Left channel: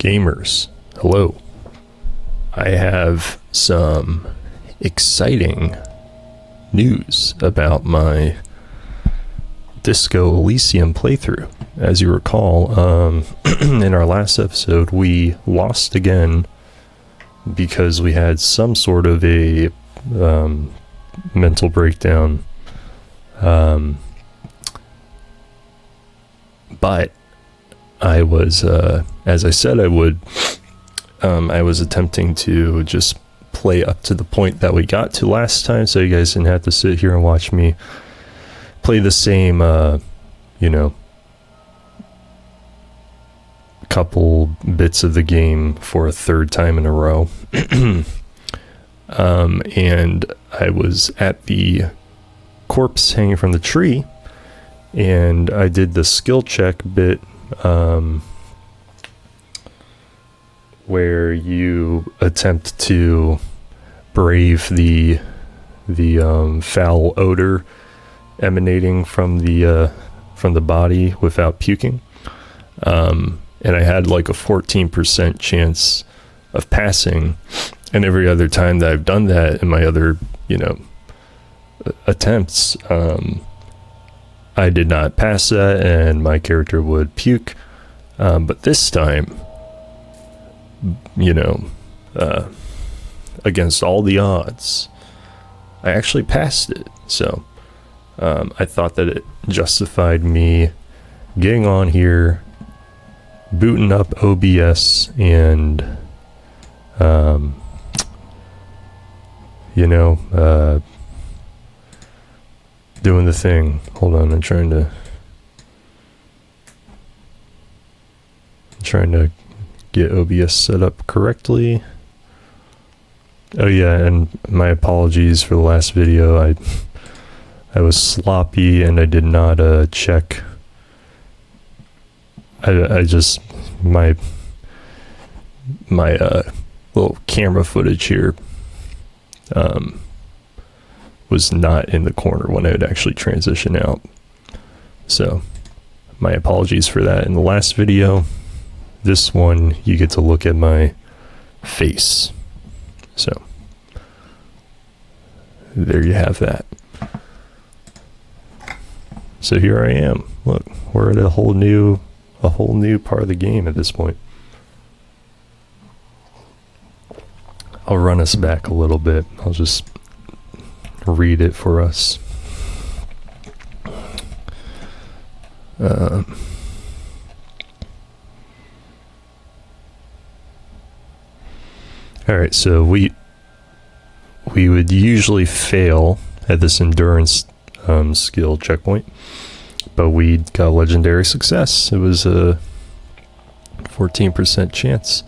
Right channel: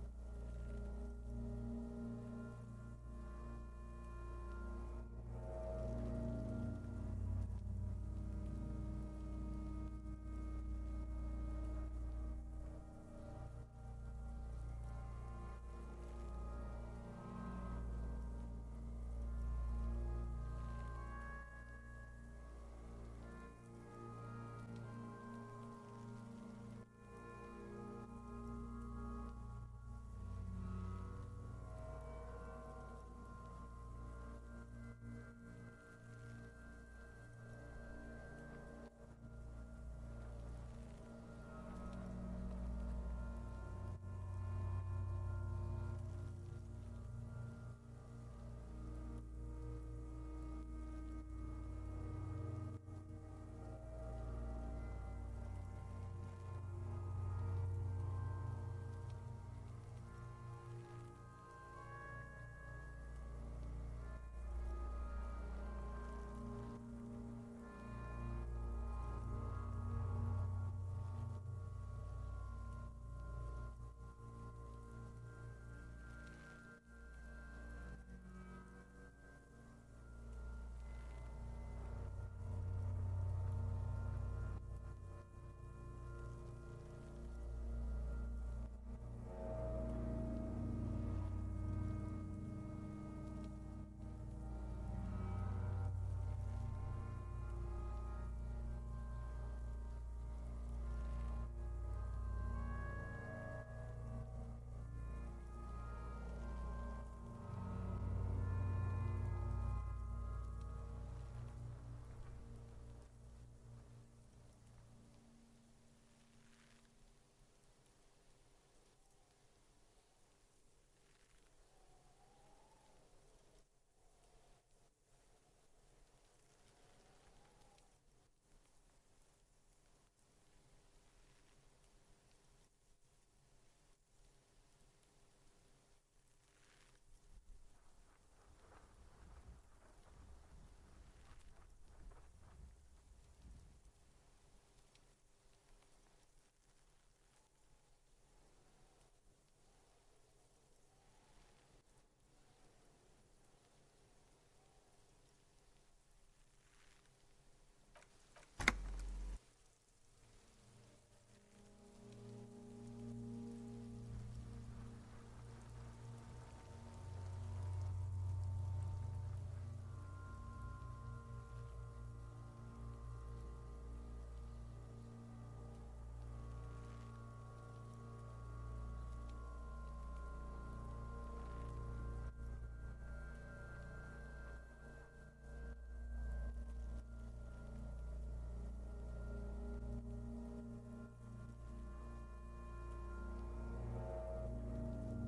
Gamers, hello. I have some exciting news about my Disco Elysium playthrough. As you recall, in our last episode, we lost again because we had some sort of a mental breakdown. But I was, as I said I would, I was attempting to just play up to the point that we got to last time, so you guys didn't have to sit here and watch me play the same, couple bits of the game for a third time in a row. And I was at the corpse hanging from the tree, and I did the skill check bit, where you attempt to brave the foul odor emanating from the body without puking. And I had like a 14% chance of passing, and every other time that I've done that in my other, attempts, I did not pass that and my character would puke. But this time, against all the odds, I actually passed it. So I thought that it justified me getting on here, booting up OBS, and doing the thing. Hold on, I'm trying to get OBS set up correctly. Oh yeah, and my apologies for the last video. I was sloppy and I did not check. I just my little camera footage here was not in the corner when I would actually transition out. So my apologies for that. In the last video, this one you get to look at my face. So there you have that. So here I am. Look, we're at a whole new part of the game at this point. I'll run us back a little bit. I'll just read it for us. Alright, so we would usually fail at this endurance skill checkpoint, but we got a legendary success. It was a 14% chance.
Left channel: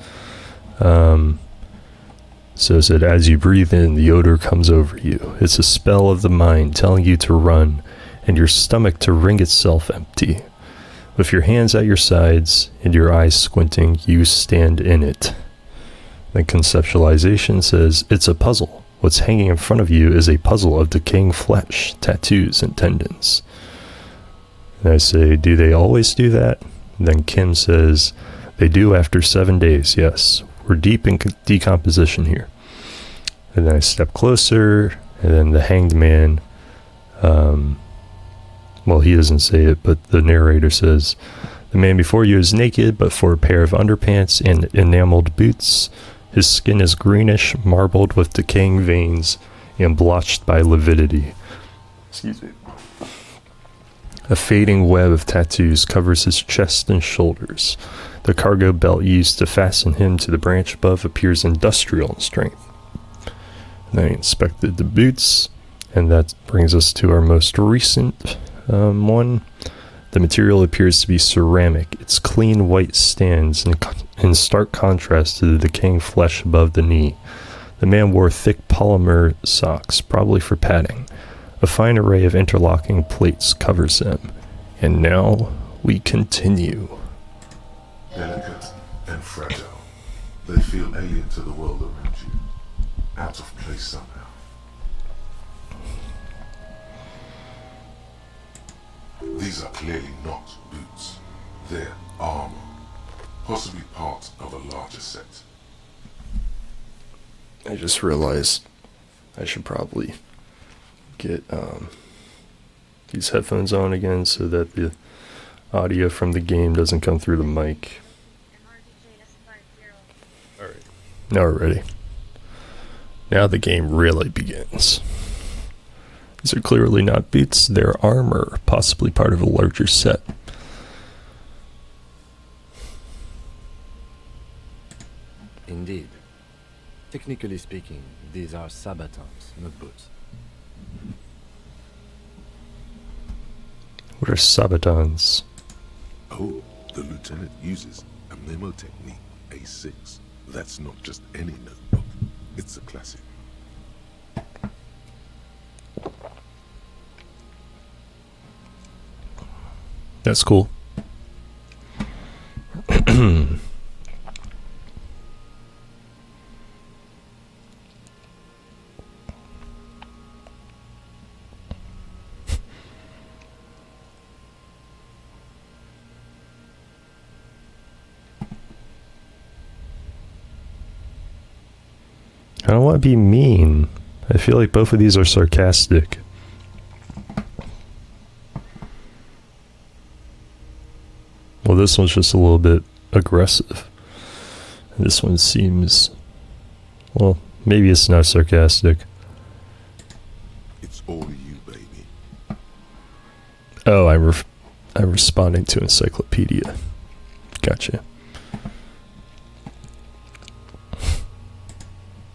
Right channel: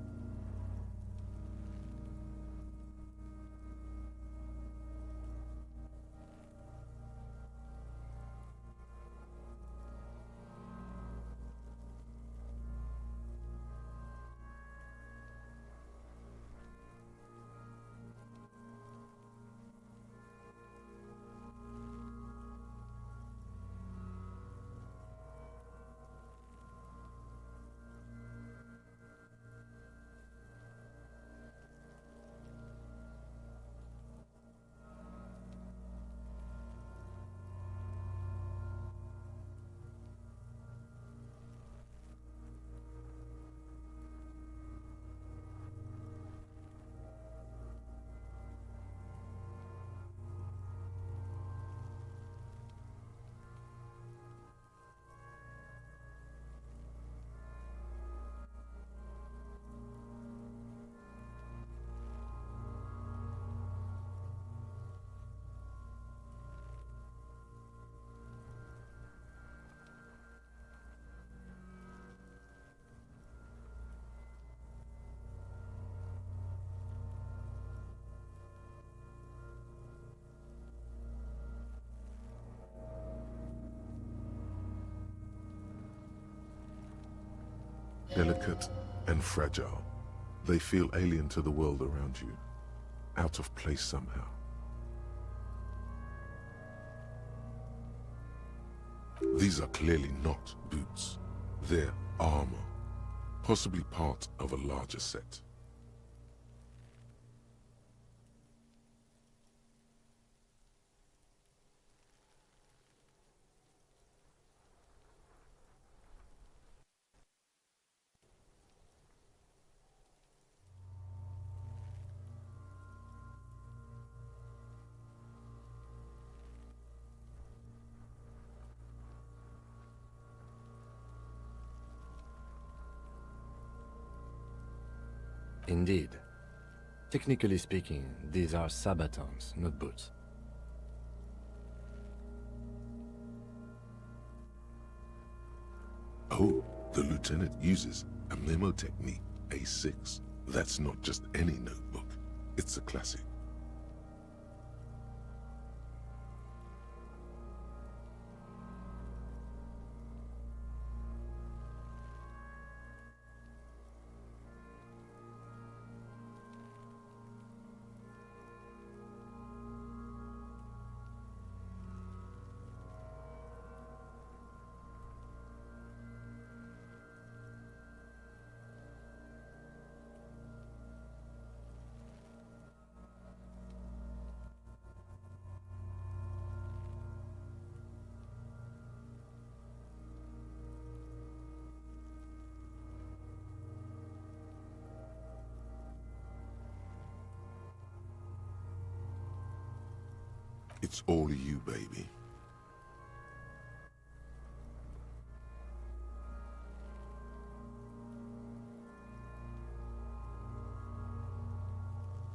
So it said, as you breathe in, the odor comes over you. It's a spell of the mind telling you to run, and your stomach to wring itself empty. With your hands at your sides and your eyes squinting, you stand in it. Then conceptualization says, it's a puzzle. What's hanging in front of you is a puzzle of decaying flesh, tattoos, and tendons. And I say, do they always do that? And then Kim says, they do after 7 days, yes. We're deep in decomposition here. And then I step closer, and then the hanged man, well, he doesn't say it, but the narrator says, the man before you is naked, but for a pair of underpants and enameled boots. His skin is greenish, marbled with decaying veins, and blotched by lividity. Excuse me. A fading web of tattoos covers his chest and shoulders. The cargo belt used to fasten him to the branch above appears industrial in strength. And I inspected the boots, and that brings us to our most recent one. The material appears to be ceramic. Its clean white stands in stark contrast to the decaying flesh above the knee. The man wore thick polymer socks, probably for padding. A fine array of interlocking plates covers them. And now we continue. Delicate and fragile, they feel alien to the world around you, out of place somehow. These are clearly not boots, they're armor. Possibly part of a larger set. I just realized I should probably get these headphones on again so that the audio from the game doesn't come through the mic. Alright. Now we're ready. Now the game really begins. These are clearly not boots, they're armor, possibly part of a larger set. Indeed. Technically speaking, these are sabatons, not boots. What are sabatons? Oh, the lieutenant uses a memo technique, A6. That's not just any notebook. It's a classic. That's cool. I don't want to be mean. I feel like both of these are sarcastic. Well, this one's just a little bit aggressive. This one seems... well, maybe it's not sarcastic. It's all you, baby. Oh, I'm responding to encyclopedia. Gotcha.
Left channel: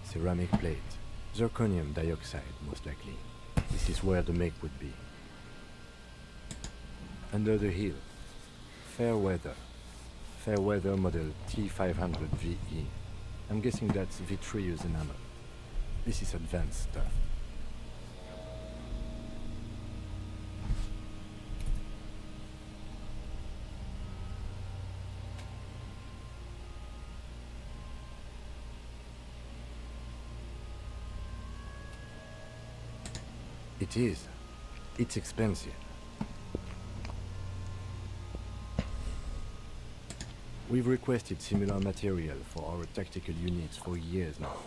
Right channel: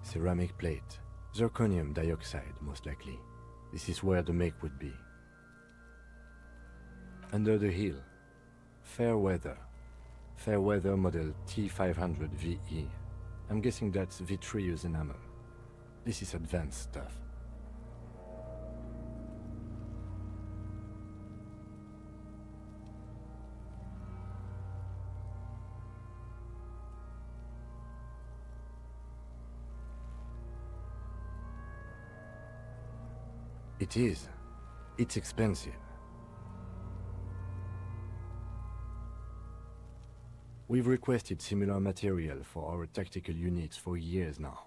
Ceramic plate. Zirconium dioxide, most likely. This is where the make would be. Under the hill. Fair weather. Fair weather model T500 VE. I'm guessing that's vitreous enamel. This is advanced stuff. It is. It's expensive. We've requested similar material for our tactical units for years now.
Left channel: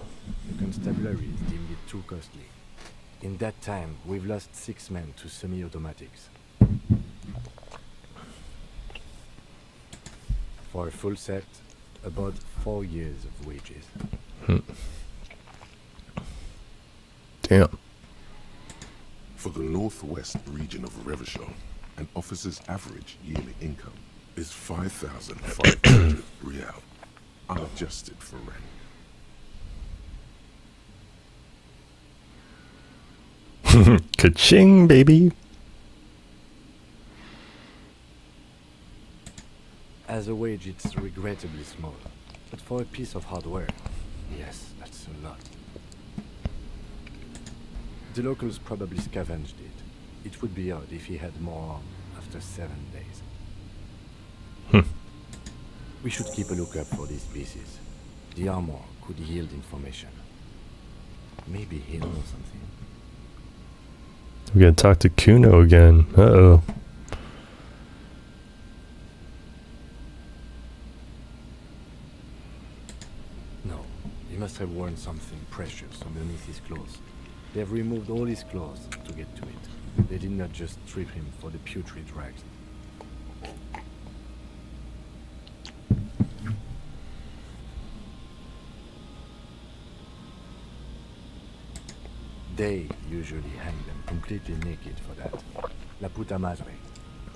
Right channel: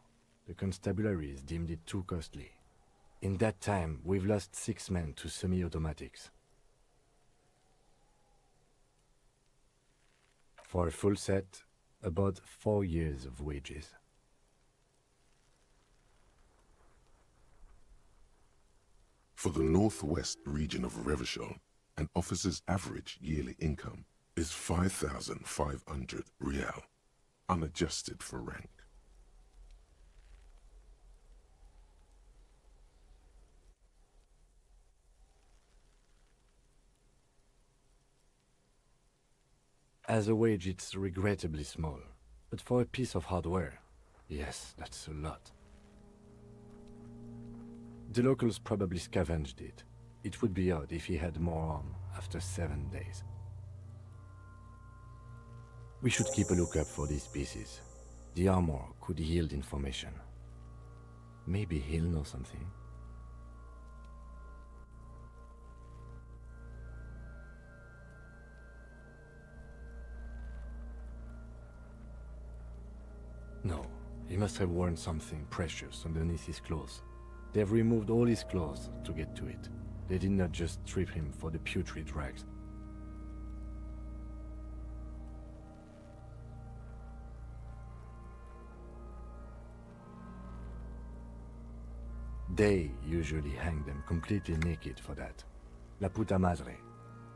The constabularies deemed it too costly. In that time, we've lost 6 men to semi-automatics. For a full set, about 4 years of wages. Damn. For the northwest region of Revachol, an officer's average yearly income is 5,500 real, unadjusted for rank. Ka-ching, baby. As a wage, it's regrettably small. But for a piece of hardware, yes, that's a lot. The locals probably scavenged it. It would be odd if he had more on after 7 days. We should keep a lookout for these pieces. The armor could yield information. Maybe he'll know something. We're gonna talk to Kuno again. Uh-oh. No, he must have worn something precious underneath his clothes. They have removed all his clothes to get to it. They did not just strip him for the putrid rags. They usually hang them completely naked for that. La puta madre,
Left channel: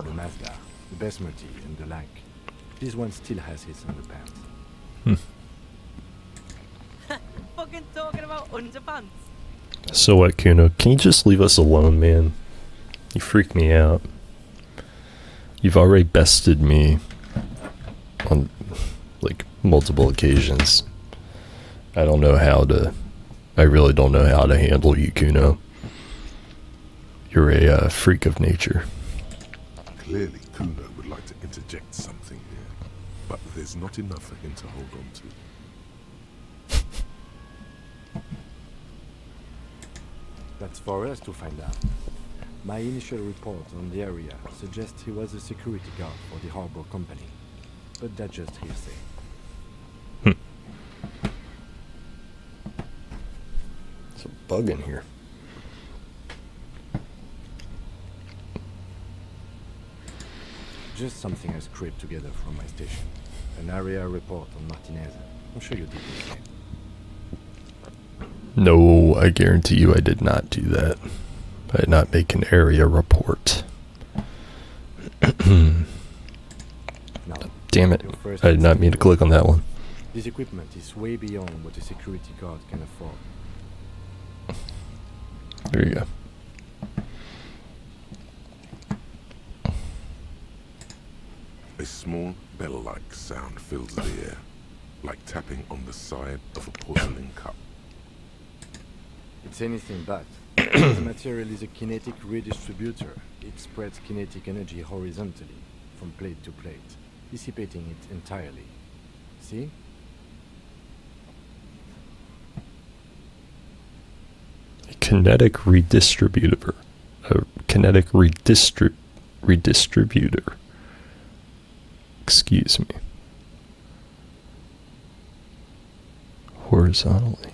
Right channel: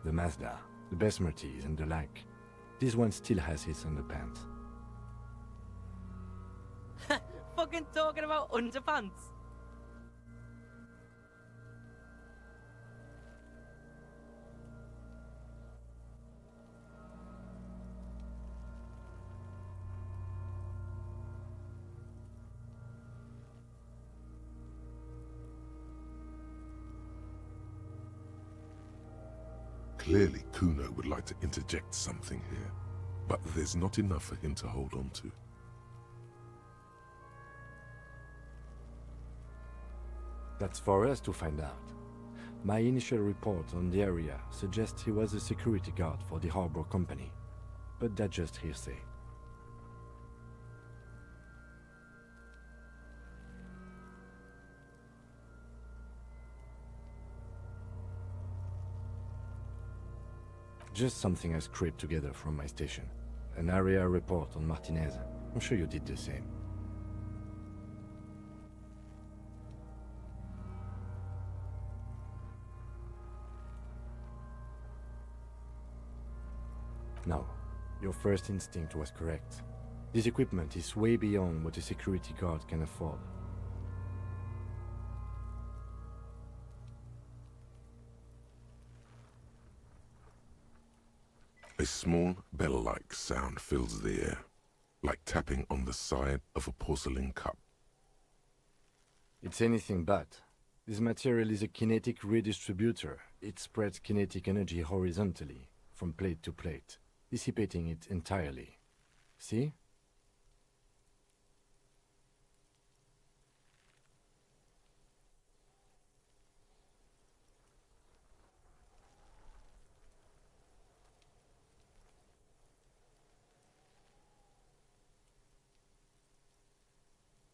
the Mazda, the Besmerties and the like. This one still has his underpants. Fucking talking about underpants. So what, Kuno? Can you just leave us alone, man? You freak me out. You've already bested me on, like, multiple occasions. I don't know how to... I really don't know how to handle you, Kuno. You're a freak of nature. Clearly, Kuno would like to interject something here, but there's not enough for him to hold on to. That's for us to find out. My initial report on the area suggests he was a security guard for the harbor company. but that's just hearsay. There's a bug in here. Just something I scraped together from my station. An area report on Martinez. I'm sure you did the same. No, I guarantee you I did not do that. I did not make an area report. Now, Damn it. your first I did not mean to instinct click was on that one. this equipment is way beyond what a security guard can afford. There you go. A small bell-like sound fills the air, like tapping on the side of a porcelain cup. It's anything but. This material is a kinetic redistributor. It spreads kinetic energy horizontally, from plate to plate, dissipating it entirely. See? A kinetic redistributor. A kinetic redistributor. Excuse me. Horizontally.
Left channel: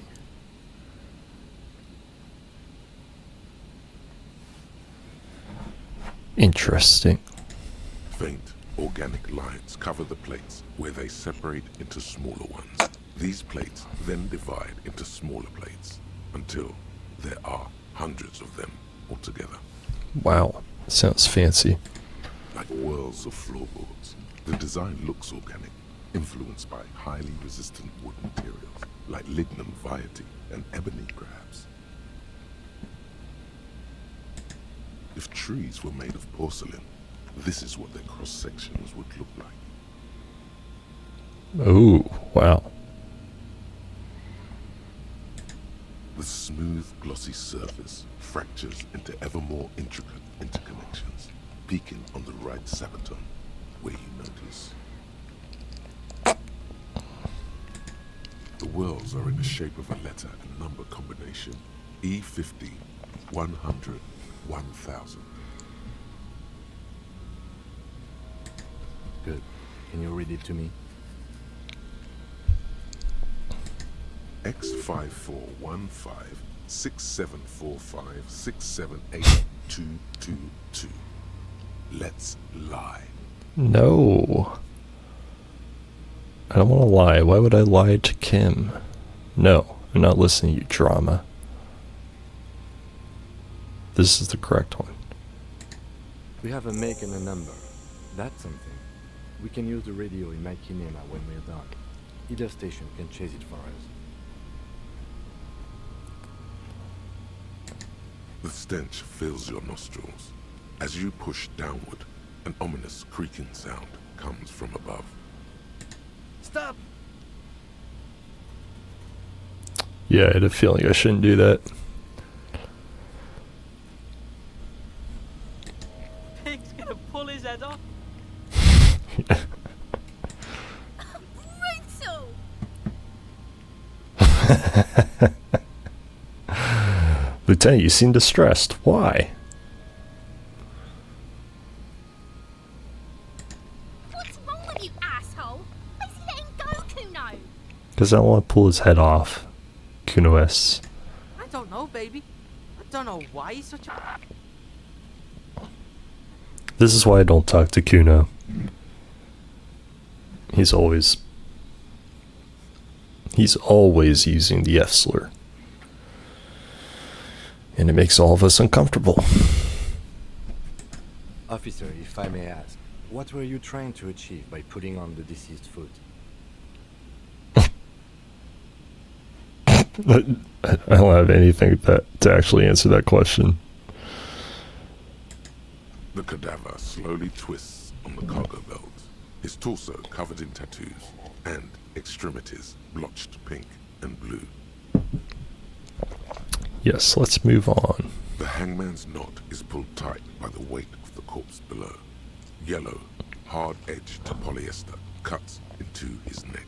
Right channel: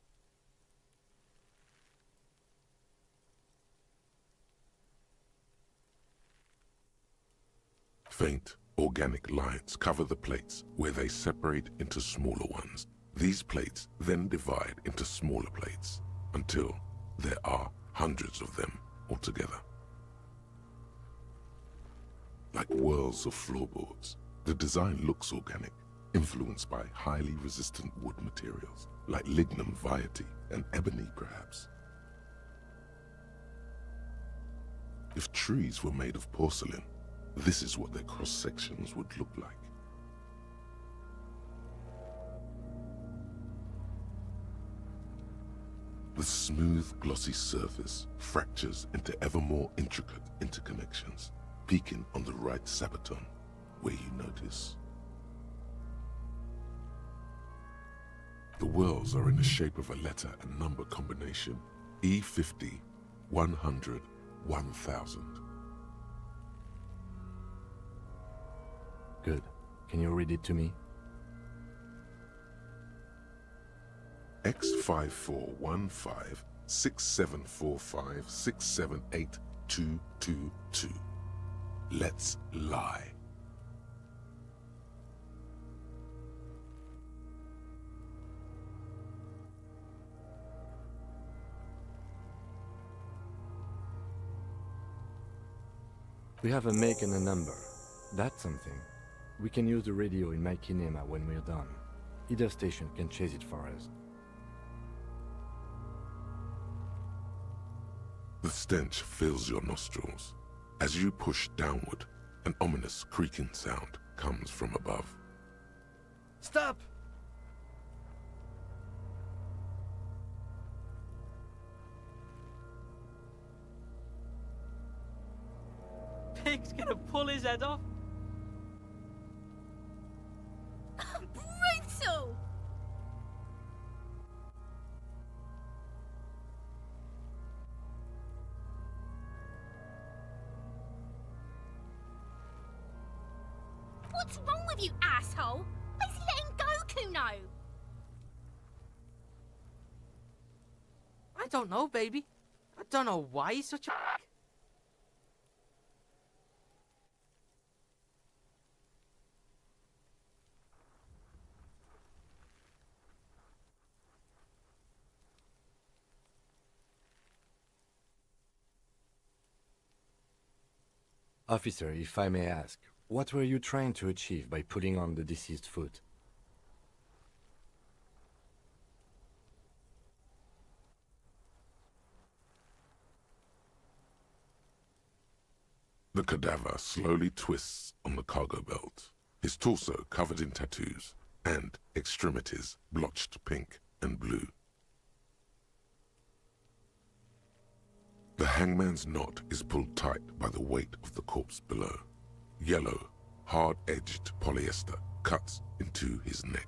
Interesting. Faint, organic lines cover the plates where they separate into smaller ones. These plates then divide into smaller plates until there are hundreds of them altogether. Wow. Sounds fancy. Like whirls of floorboards, the design looks organic, influenced by highly resistant wood materials, like lignum vitae and ebony perhaps. If trees were made of porcelain, this is what their cross-sections would look like. Oh, wow. The smooth, glossy surface fractures into ever more intricate interconnections, peaking on the right sabaton, where you notice. The whirls are in the shape of a letter and number combination, E50, 100, 1000. Good. Can you read it to me? X5415 6745 678222. Let's lie. No. I don't want to lie. Why would I lie to Kim? No, I'm not listening to you, drama. This is the correct one. We have a make and a number. That's something. We can use the radio in my kinema when we're done. Either station can chase it for us. The stench fills your nostrils. As you push downward, an ominous creaking sound comes from above. Stop! Yeah, I had a feeling I shouldn't do that. Pig's gonna pull his head off. Brutal! Lieutenant, you seem distressed. Why? What's wrong with you, asshole? Why's he letting go, Kuno? Because I don't want to pull his head off. Kuno-S. I don't know, baby. I don't know why he's such a... This is why I don't talk to Kuno. He's always using the F slur. And it makes all of us uncomfortable. Officer, if I may ask, what were you trying to achieve by putting on the deceased foot? I don't have anything to actually answer that question. The cadaver slowly twists on the cargo belt, his torso covered in tattoos, and extremities blotched pink and blue. Yes, let's move on. The hangman's knot is pulled tight by the weight of the corpse below. Yellow, hard-edged polyester cuts into his neck.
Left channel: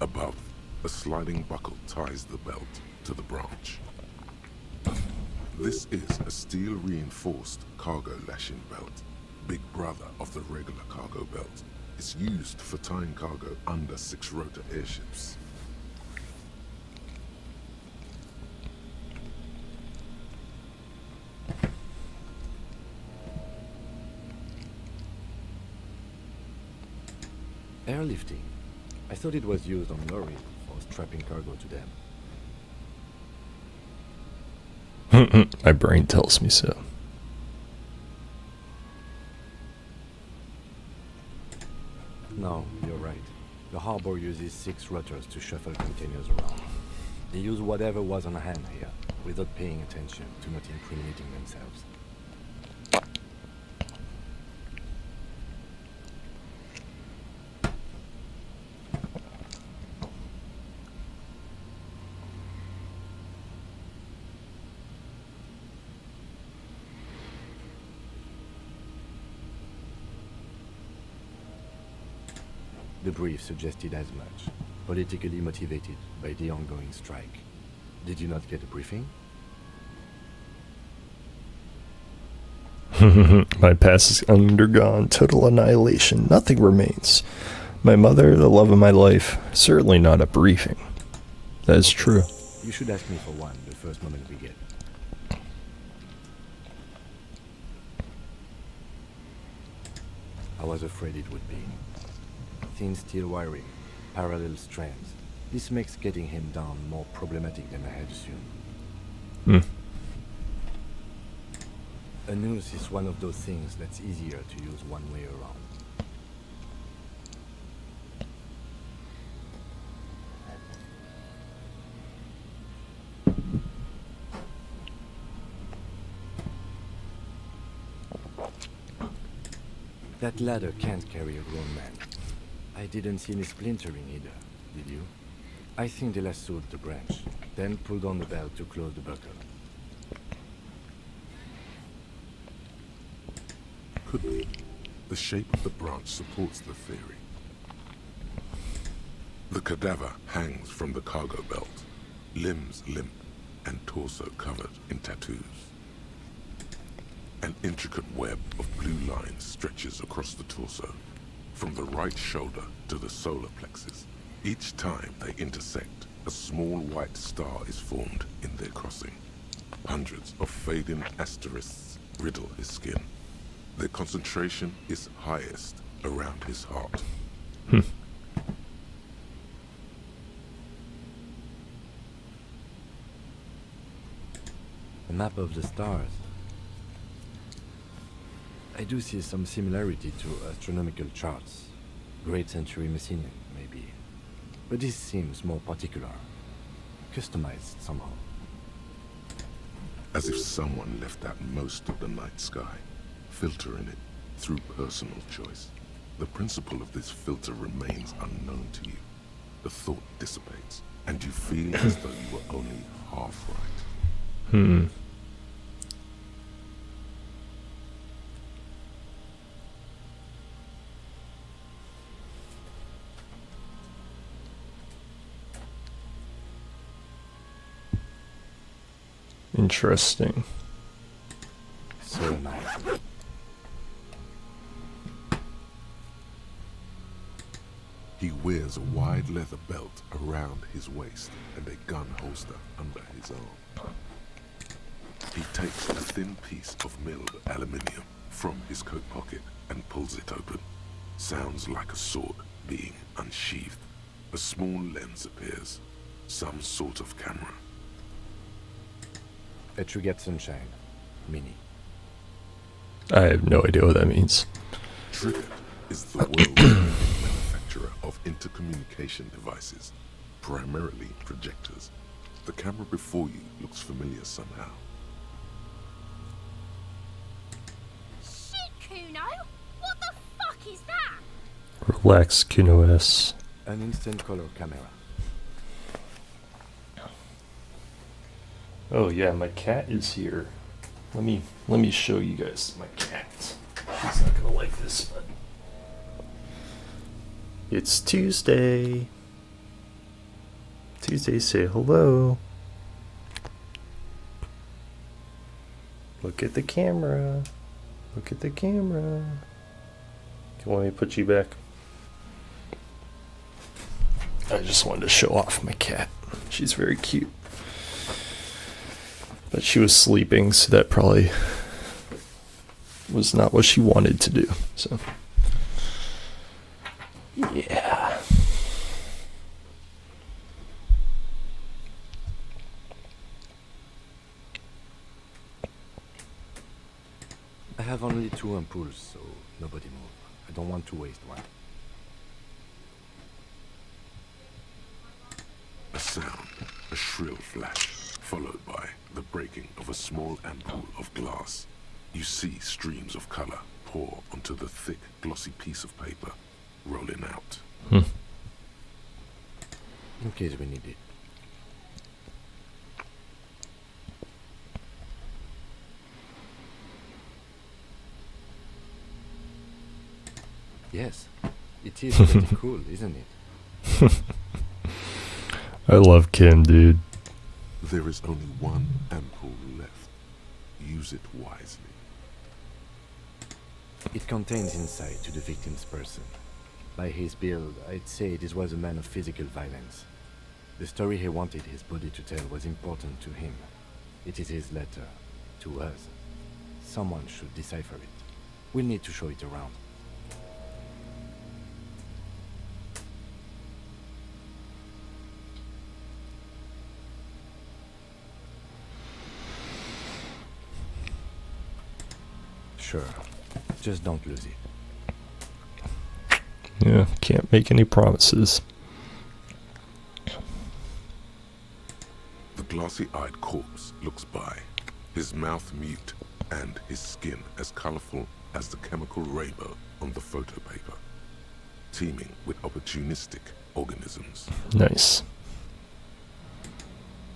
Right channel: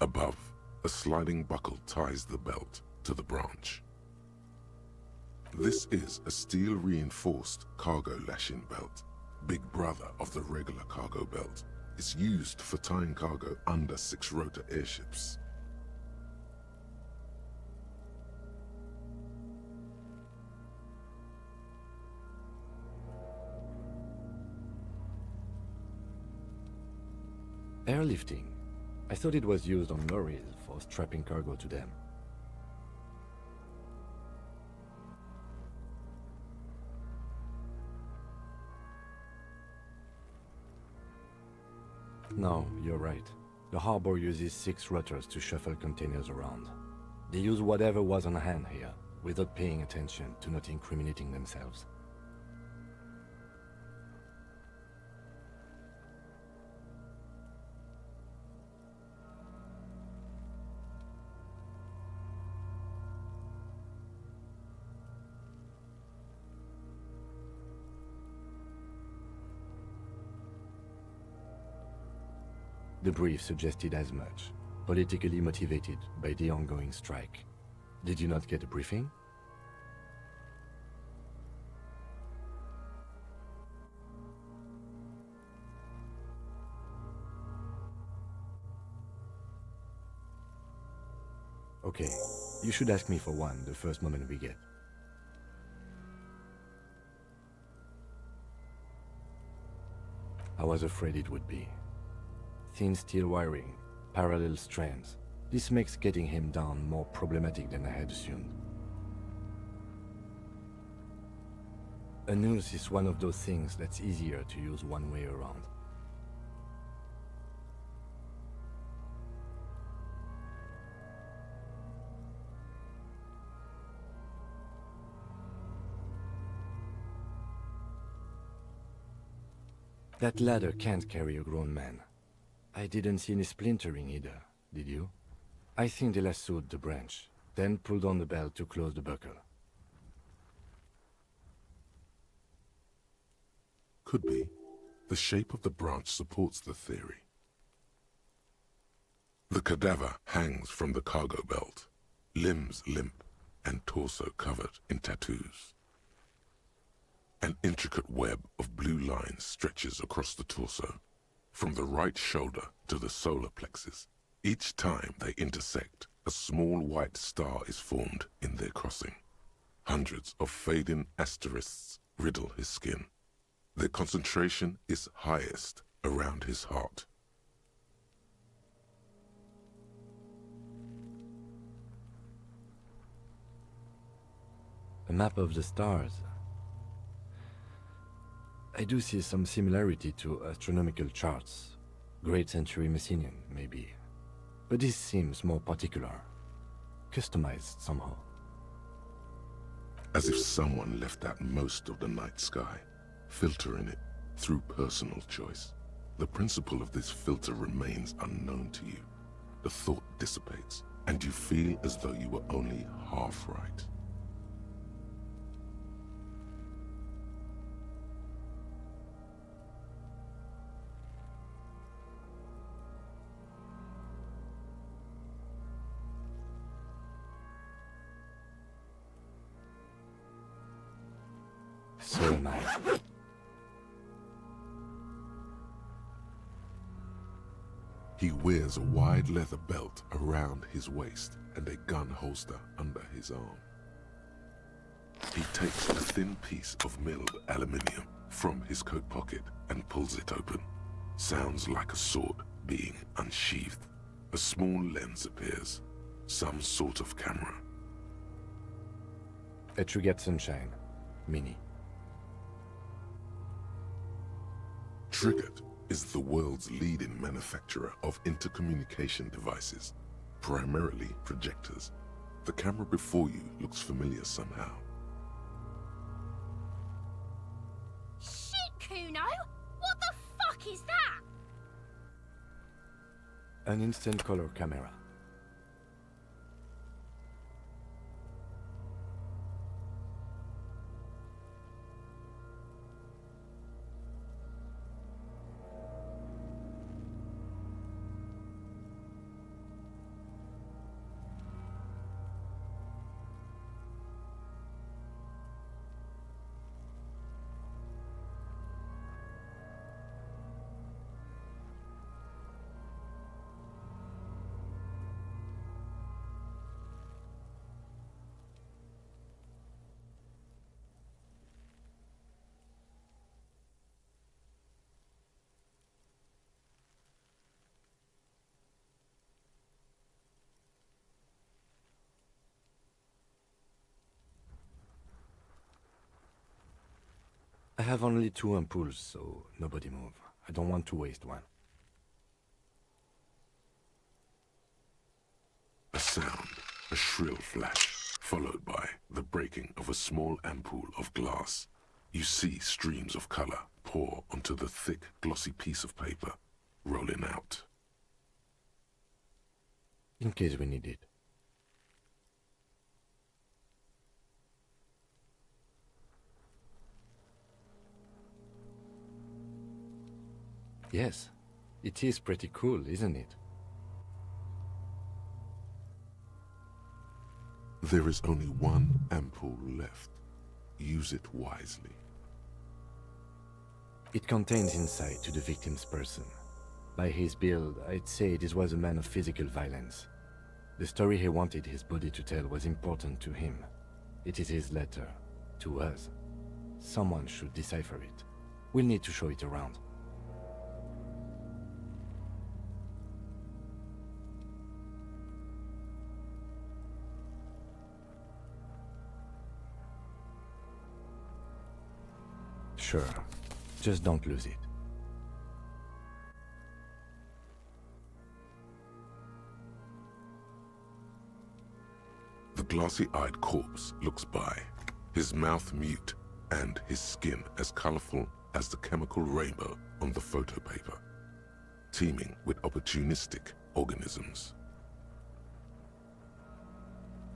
Above, a sliding buckle ties the belt to the branch. This is a steel-reinforced cargo lashing belt, big brother of the regular cargo belt. It's used for tying cargo under six-rotor airships. Airlifting. I thought it was used on lorries for strapping cargo to them. My brain tells me so. No, you're right. The harbor uses 6 rutters to shuffle containers around. They use whatever was on hand here, without paying attention to not incriminating themselves. The brief suggested as much, politically motivated by the ongoing strike. Did you not get a briefing? My past has undergone total annihilation. Nothing remains. My mother, the love of my life, certainly not a briefing. That is Okay. true. You should ask me for one the first moment we get. I was afraid it would be. Thin steel wiring, parallel strands. This makes getting him down more problematic than I had assumed. Hmm. A noose is one of those things that's easier to use one way around. That ladder can't carry a grown man. I didn't see any splintering either, did you? I think they lassoed the branch, then pulled on the belt to close the buckle. Could be. The shape of the branch supports the theory. The cadaver hangs from the cargo belt, limbs limp and torso covered in tattoos. An intricate web of blue lines stretches across the torso, from the right shoulder to the solar plexus. Each time they intersect, a small white star is formed in their crossing. Hundreds of fading asterisks riddle his skin. Their concentration is highest around his heart. A map of the stars. I do see some similarity to astronomical charts. Great Century Messinian, maybe. But this seems more particular. Customized somehow. As if someone left out most of the night sky, filtering it through personal choice. The principle of this filter remains unknown to you. The thought dissipates, and you feel as though you were only half right. Interesting. So am I. He wears a wide leather belt around his waist and a gun holster under his arm. He takes a thin piece of milled aluminium from his coat pocket and pulls it open. Sounds like a sword being unsheathed. A small lens appears, some sort of camera. A Trigat Sunshine. Mini. I have no idea what that means. Trigat is the world's leading manufacturer of intercommunication devices, primarily projectors. The camera before you looks familiar somehow. Shit, Kuno! What the fuck is that? Relax, Kuno S. An instant color camera. Oh yeah, my cat is here. Let me show you guys my cat. She's not gonna like this, but it's Tuesday. Tuesday, say hello. Look at the camera. Look at the camera. You want me to put you back? I just wanted to show off my cat. She's very cute. But she was sleeping, so that probably was not what she wanted to do. So, yeah. I have only 2 ampoules, so nobody move. I don't want to waste one. A sound, a shrill flash, followed by the breaking of a small ampoule of glass. You see streams of color pour onto the thick, glossy piece of paper, rolling out. In case we need it. Yes, it is pretty cool, isn't it? I love Kim, dude. There is only one ampoule left. Use it wisely. It contains insight to the victim's person. By his build, I'd say this was a man of physical violence. The story he wanted his body to tell was important to him. It is his letter, to us. Someone should decipher it. We'll need to show it around. Sure. Just don't lose it. Yeah, can't make any promises. The glassy-eyed corpse looks by, his mouth mute and his skin as colorful as the chemical rainbow on the photo paper, teeming with opportunistic organisms. Nice.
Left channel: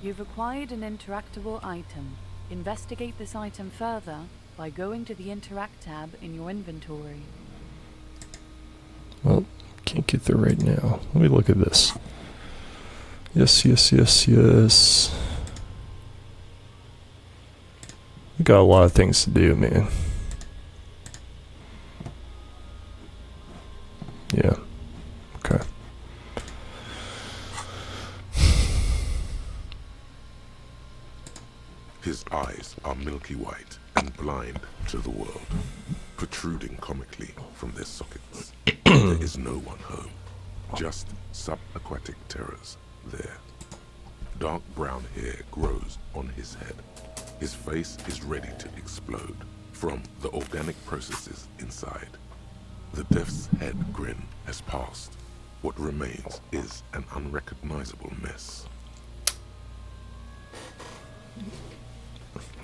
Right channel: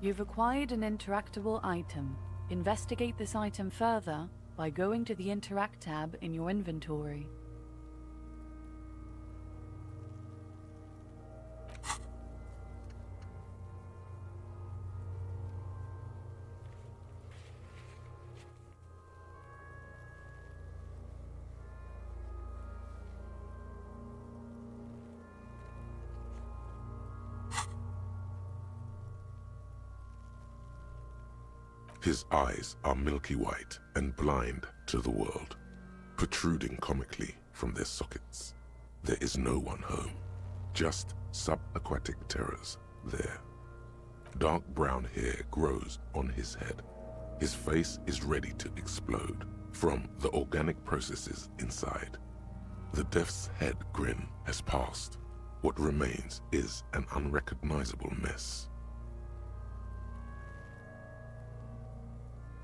You've acquired an interactable item. Investigate this item further by going to the Interact tab in your inventory. Well, can't get there right now. Let me look at this. Yes, yes, yes, yes. We got a lot of things to do, man. Yeah. Okay. His eyes are milky white and blind to the world, protruding comically from their sockets. There is no one home, just subaquatic terrors there. Dark brown hair grows on his head. His face is ready to explode from the organic processes inside. The death's head grin has passed. What remains is an unrecognizable mess.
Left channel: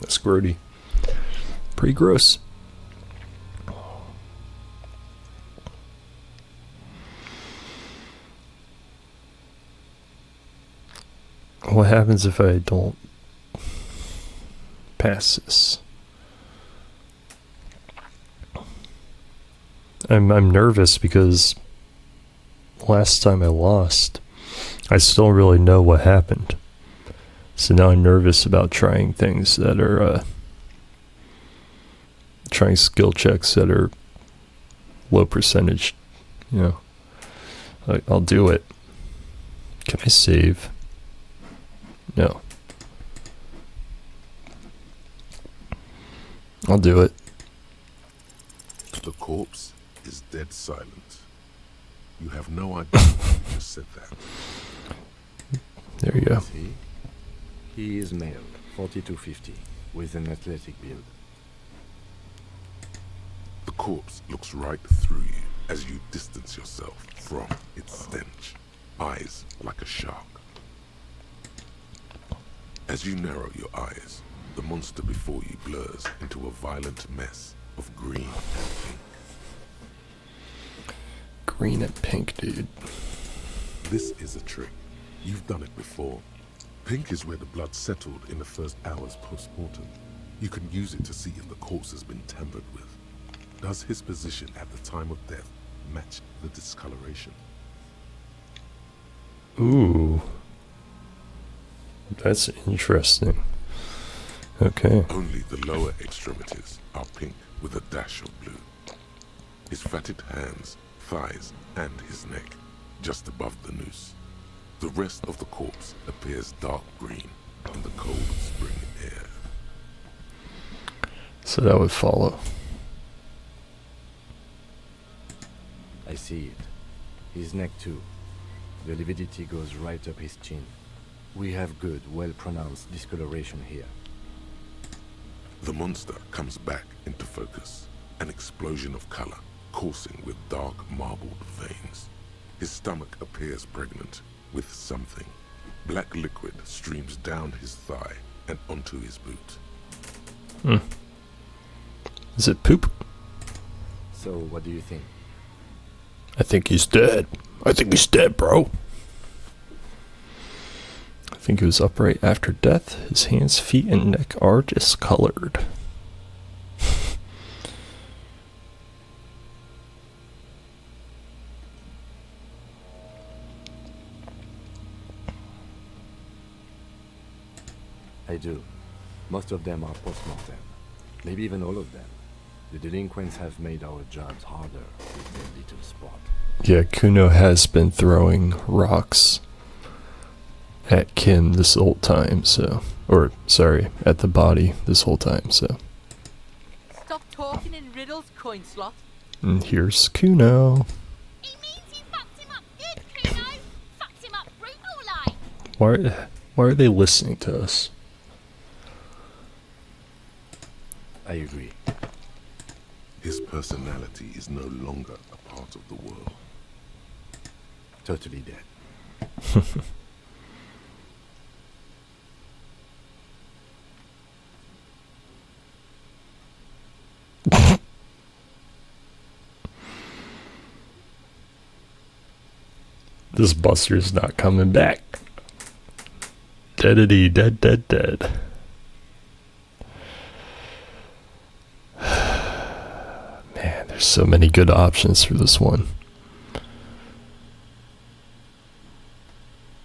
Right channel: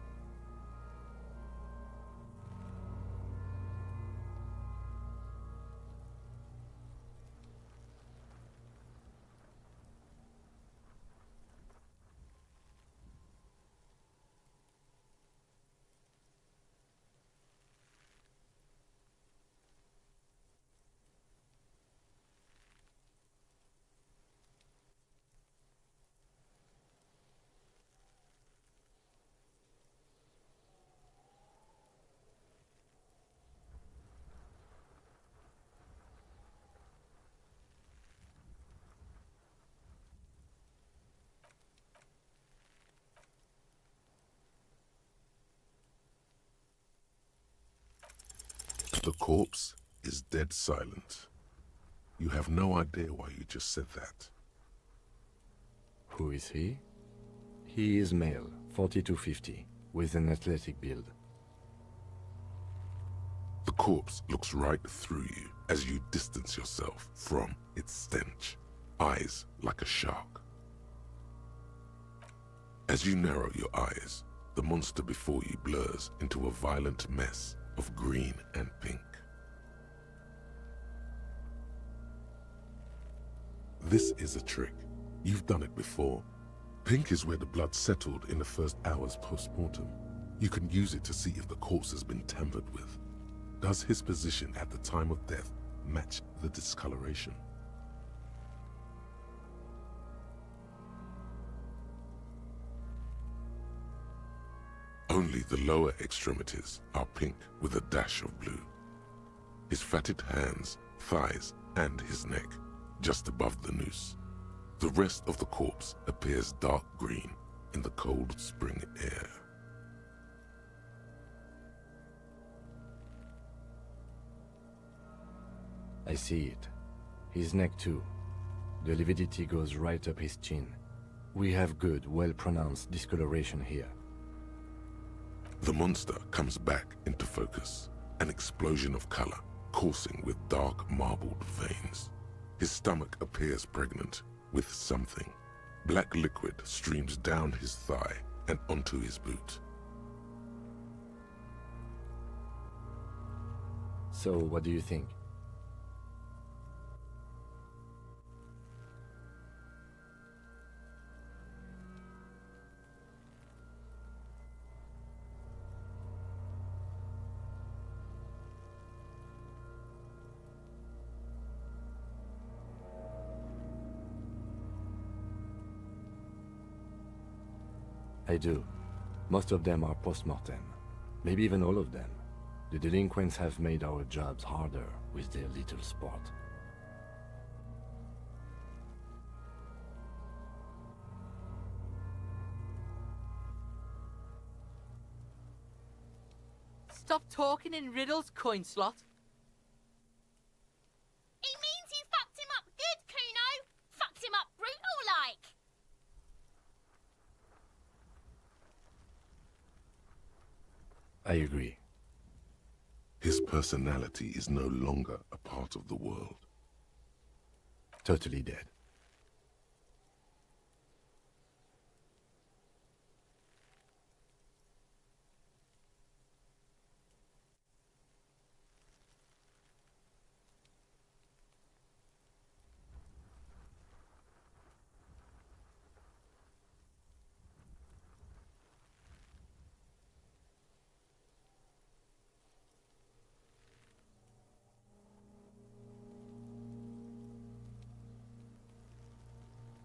That's grody. Pretty gross. What happens if I don't pass this? I'm nervous because last time I lost, I still don't really know what happened. So now I'm nervous about trying things that are, trying skill checks that are low percentage, you know. I'll do it. Can I save? No. I'll do it. The corpse is dead silent. You have no idea why you just said that. There you Who go. is he? He is male, 40 to 50, with an athletic build. The corpse looks right through you as you distance yourself from its stench, eyes like a shark. As you narrow your eyes, the monster before you blurs into a violent mess of green and pink. Green and pink, dude. This is a trick. You've done it before. Pink is where the blood settled in the first hours post-mortem. You can use it to see if the corpse has been tampered with. Does his position at the time of death match the discoloration? Ooh. That's interesting. Okay. Only the lower extremities are pink with a dash of blue. His fatted hands, thighs, and his neck, just above the noose, The rest of the corpse appears dark green in the cold spring air. So that would follow. I see it. His neck too. The lividity goes right up his chin. We have good, well-pronounced discoloration here. The monster comes back into focus, an explosion of color, coursing with dark marbled veins. His stomach appears pregnant with something. Black liquid streams down his thigh and onto his boot. Is it poop? So, what do you think? I think he's dead. I think he's dead, bro. I think he was upright after death. His hands, feet, and neck are discolored. I do. Most of them are post-mortem. Maybe even all of them. The delinquents have made our jobs harder with their little spot. Yeah, Kuno has been throwing rocks at Kim this whole time, so... Or, sorry, at the body this whole time, so... Stop talking in riddles, coin slot. And here's Kuno. He means you fucked him up good, Kuno. Fucked him up brutal like. Why are they listening to us? I agree. His personality is no longer a part of the world. Totally dead. This Buster's not coming back. Deadity, dead, dead, dead. Man, there's so many good options for this one.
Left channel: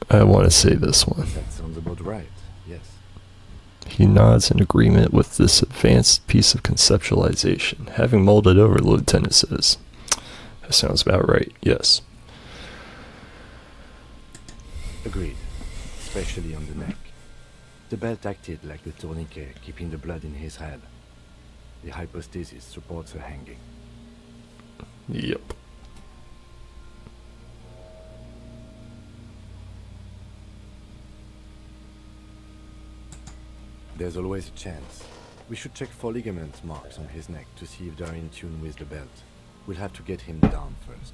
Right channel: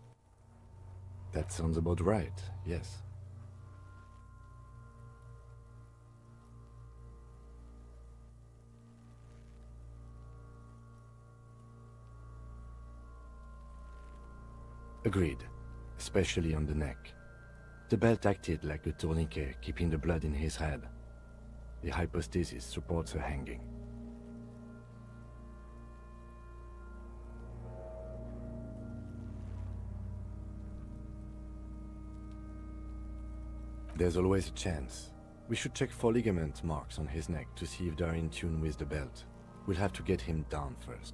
I want to say this one. That sounds about right, yes. He nods in agreement with this advanced piece of conceptualization. Having mulled it over, the lieutenant says, "That sounds about right, yes." Agreed. Especially on the neck. The belt acted like a tourniquet, keeping the blood in his head. The hypostasis supports a hanging. Yep. There's always a chance. We should check for ligament marks on his neck to see if they're in tune with the belt. We'll have to get him down first.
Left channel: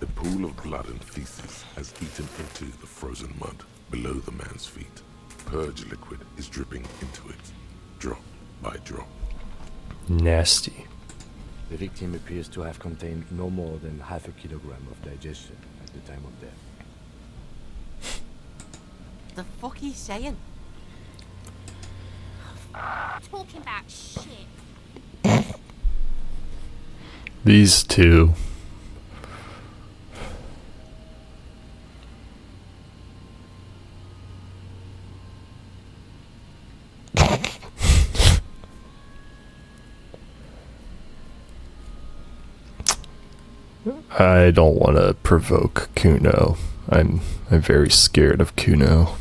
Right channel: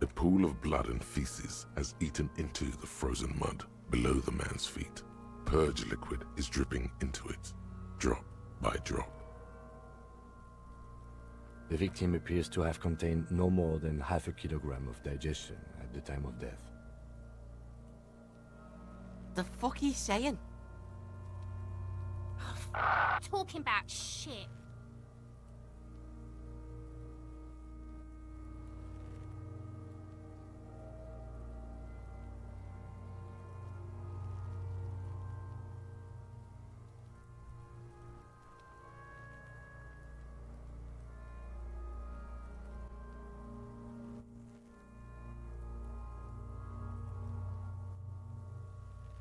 A pool of blood and feces has eaten into the frozen mud below the man's feet. Purge liquid is dripping into it, drop by drop. Nasty. The victim appears to have contained no more than half a kilogram of digestion at the time of death. The fuck he's saying? Talking about shit. These two. I don't want to provoke Kuno. I'm very scared of Kuno.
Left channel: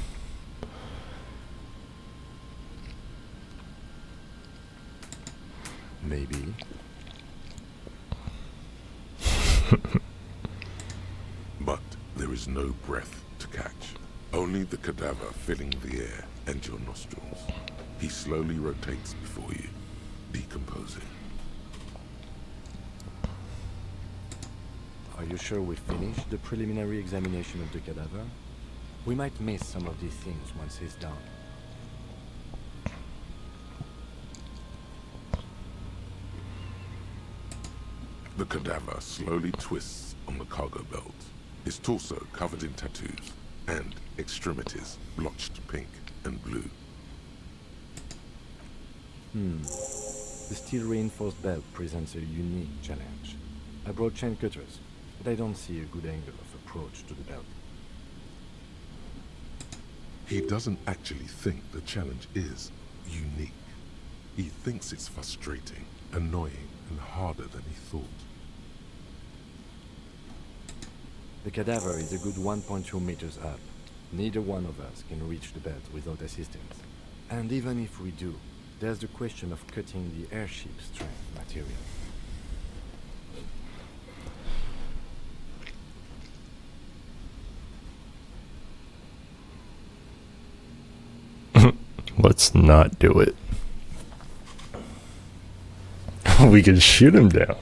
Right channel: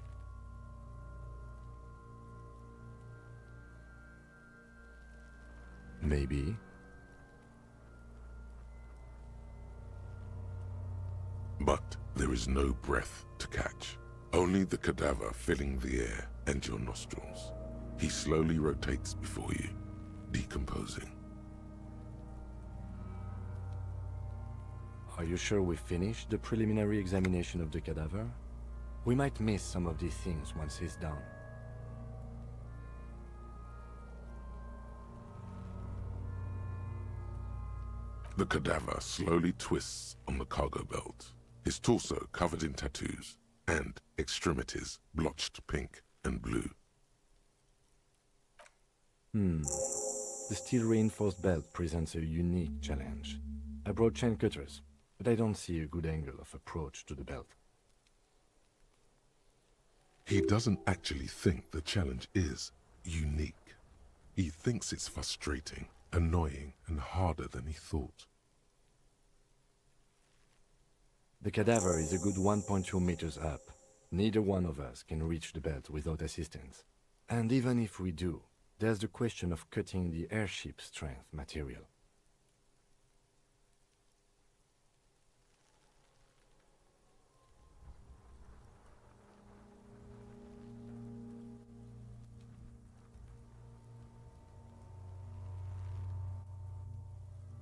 Maybe. But there is no breath to catch. Only the cadaver filling the air and your nostrils. He slowly rotates before you, decomposing. Are you sure we finished the preliminary examination of the cadaver? We might miss some of these things once he's done. The cadaver slowly twists on the cargo belt, his torso covered in tattoos, and extremities blotched pink and blue. The steel-reinforced belt presents a unique challenge. I brought chain cutters, but I don't see a good angle of approach to the belt. He doesn't actually think the challenge is unique. He thinks it's frustrating, annoying, and harder than he thought. The cadaver is a good 1.2 meters up. Neither one of us can reach the belt without assistance. And even if we do, there's the question of cutting the airship strength material. Let's not do it. We can shoot him down.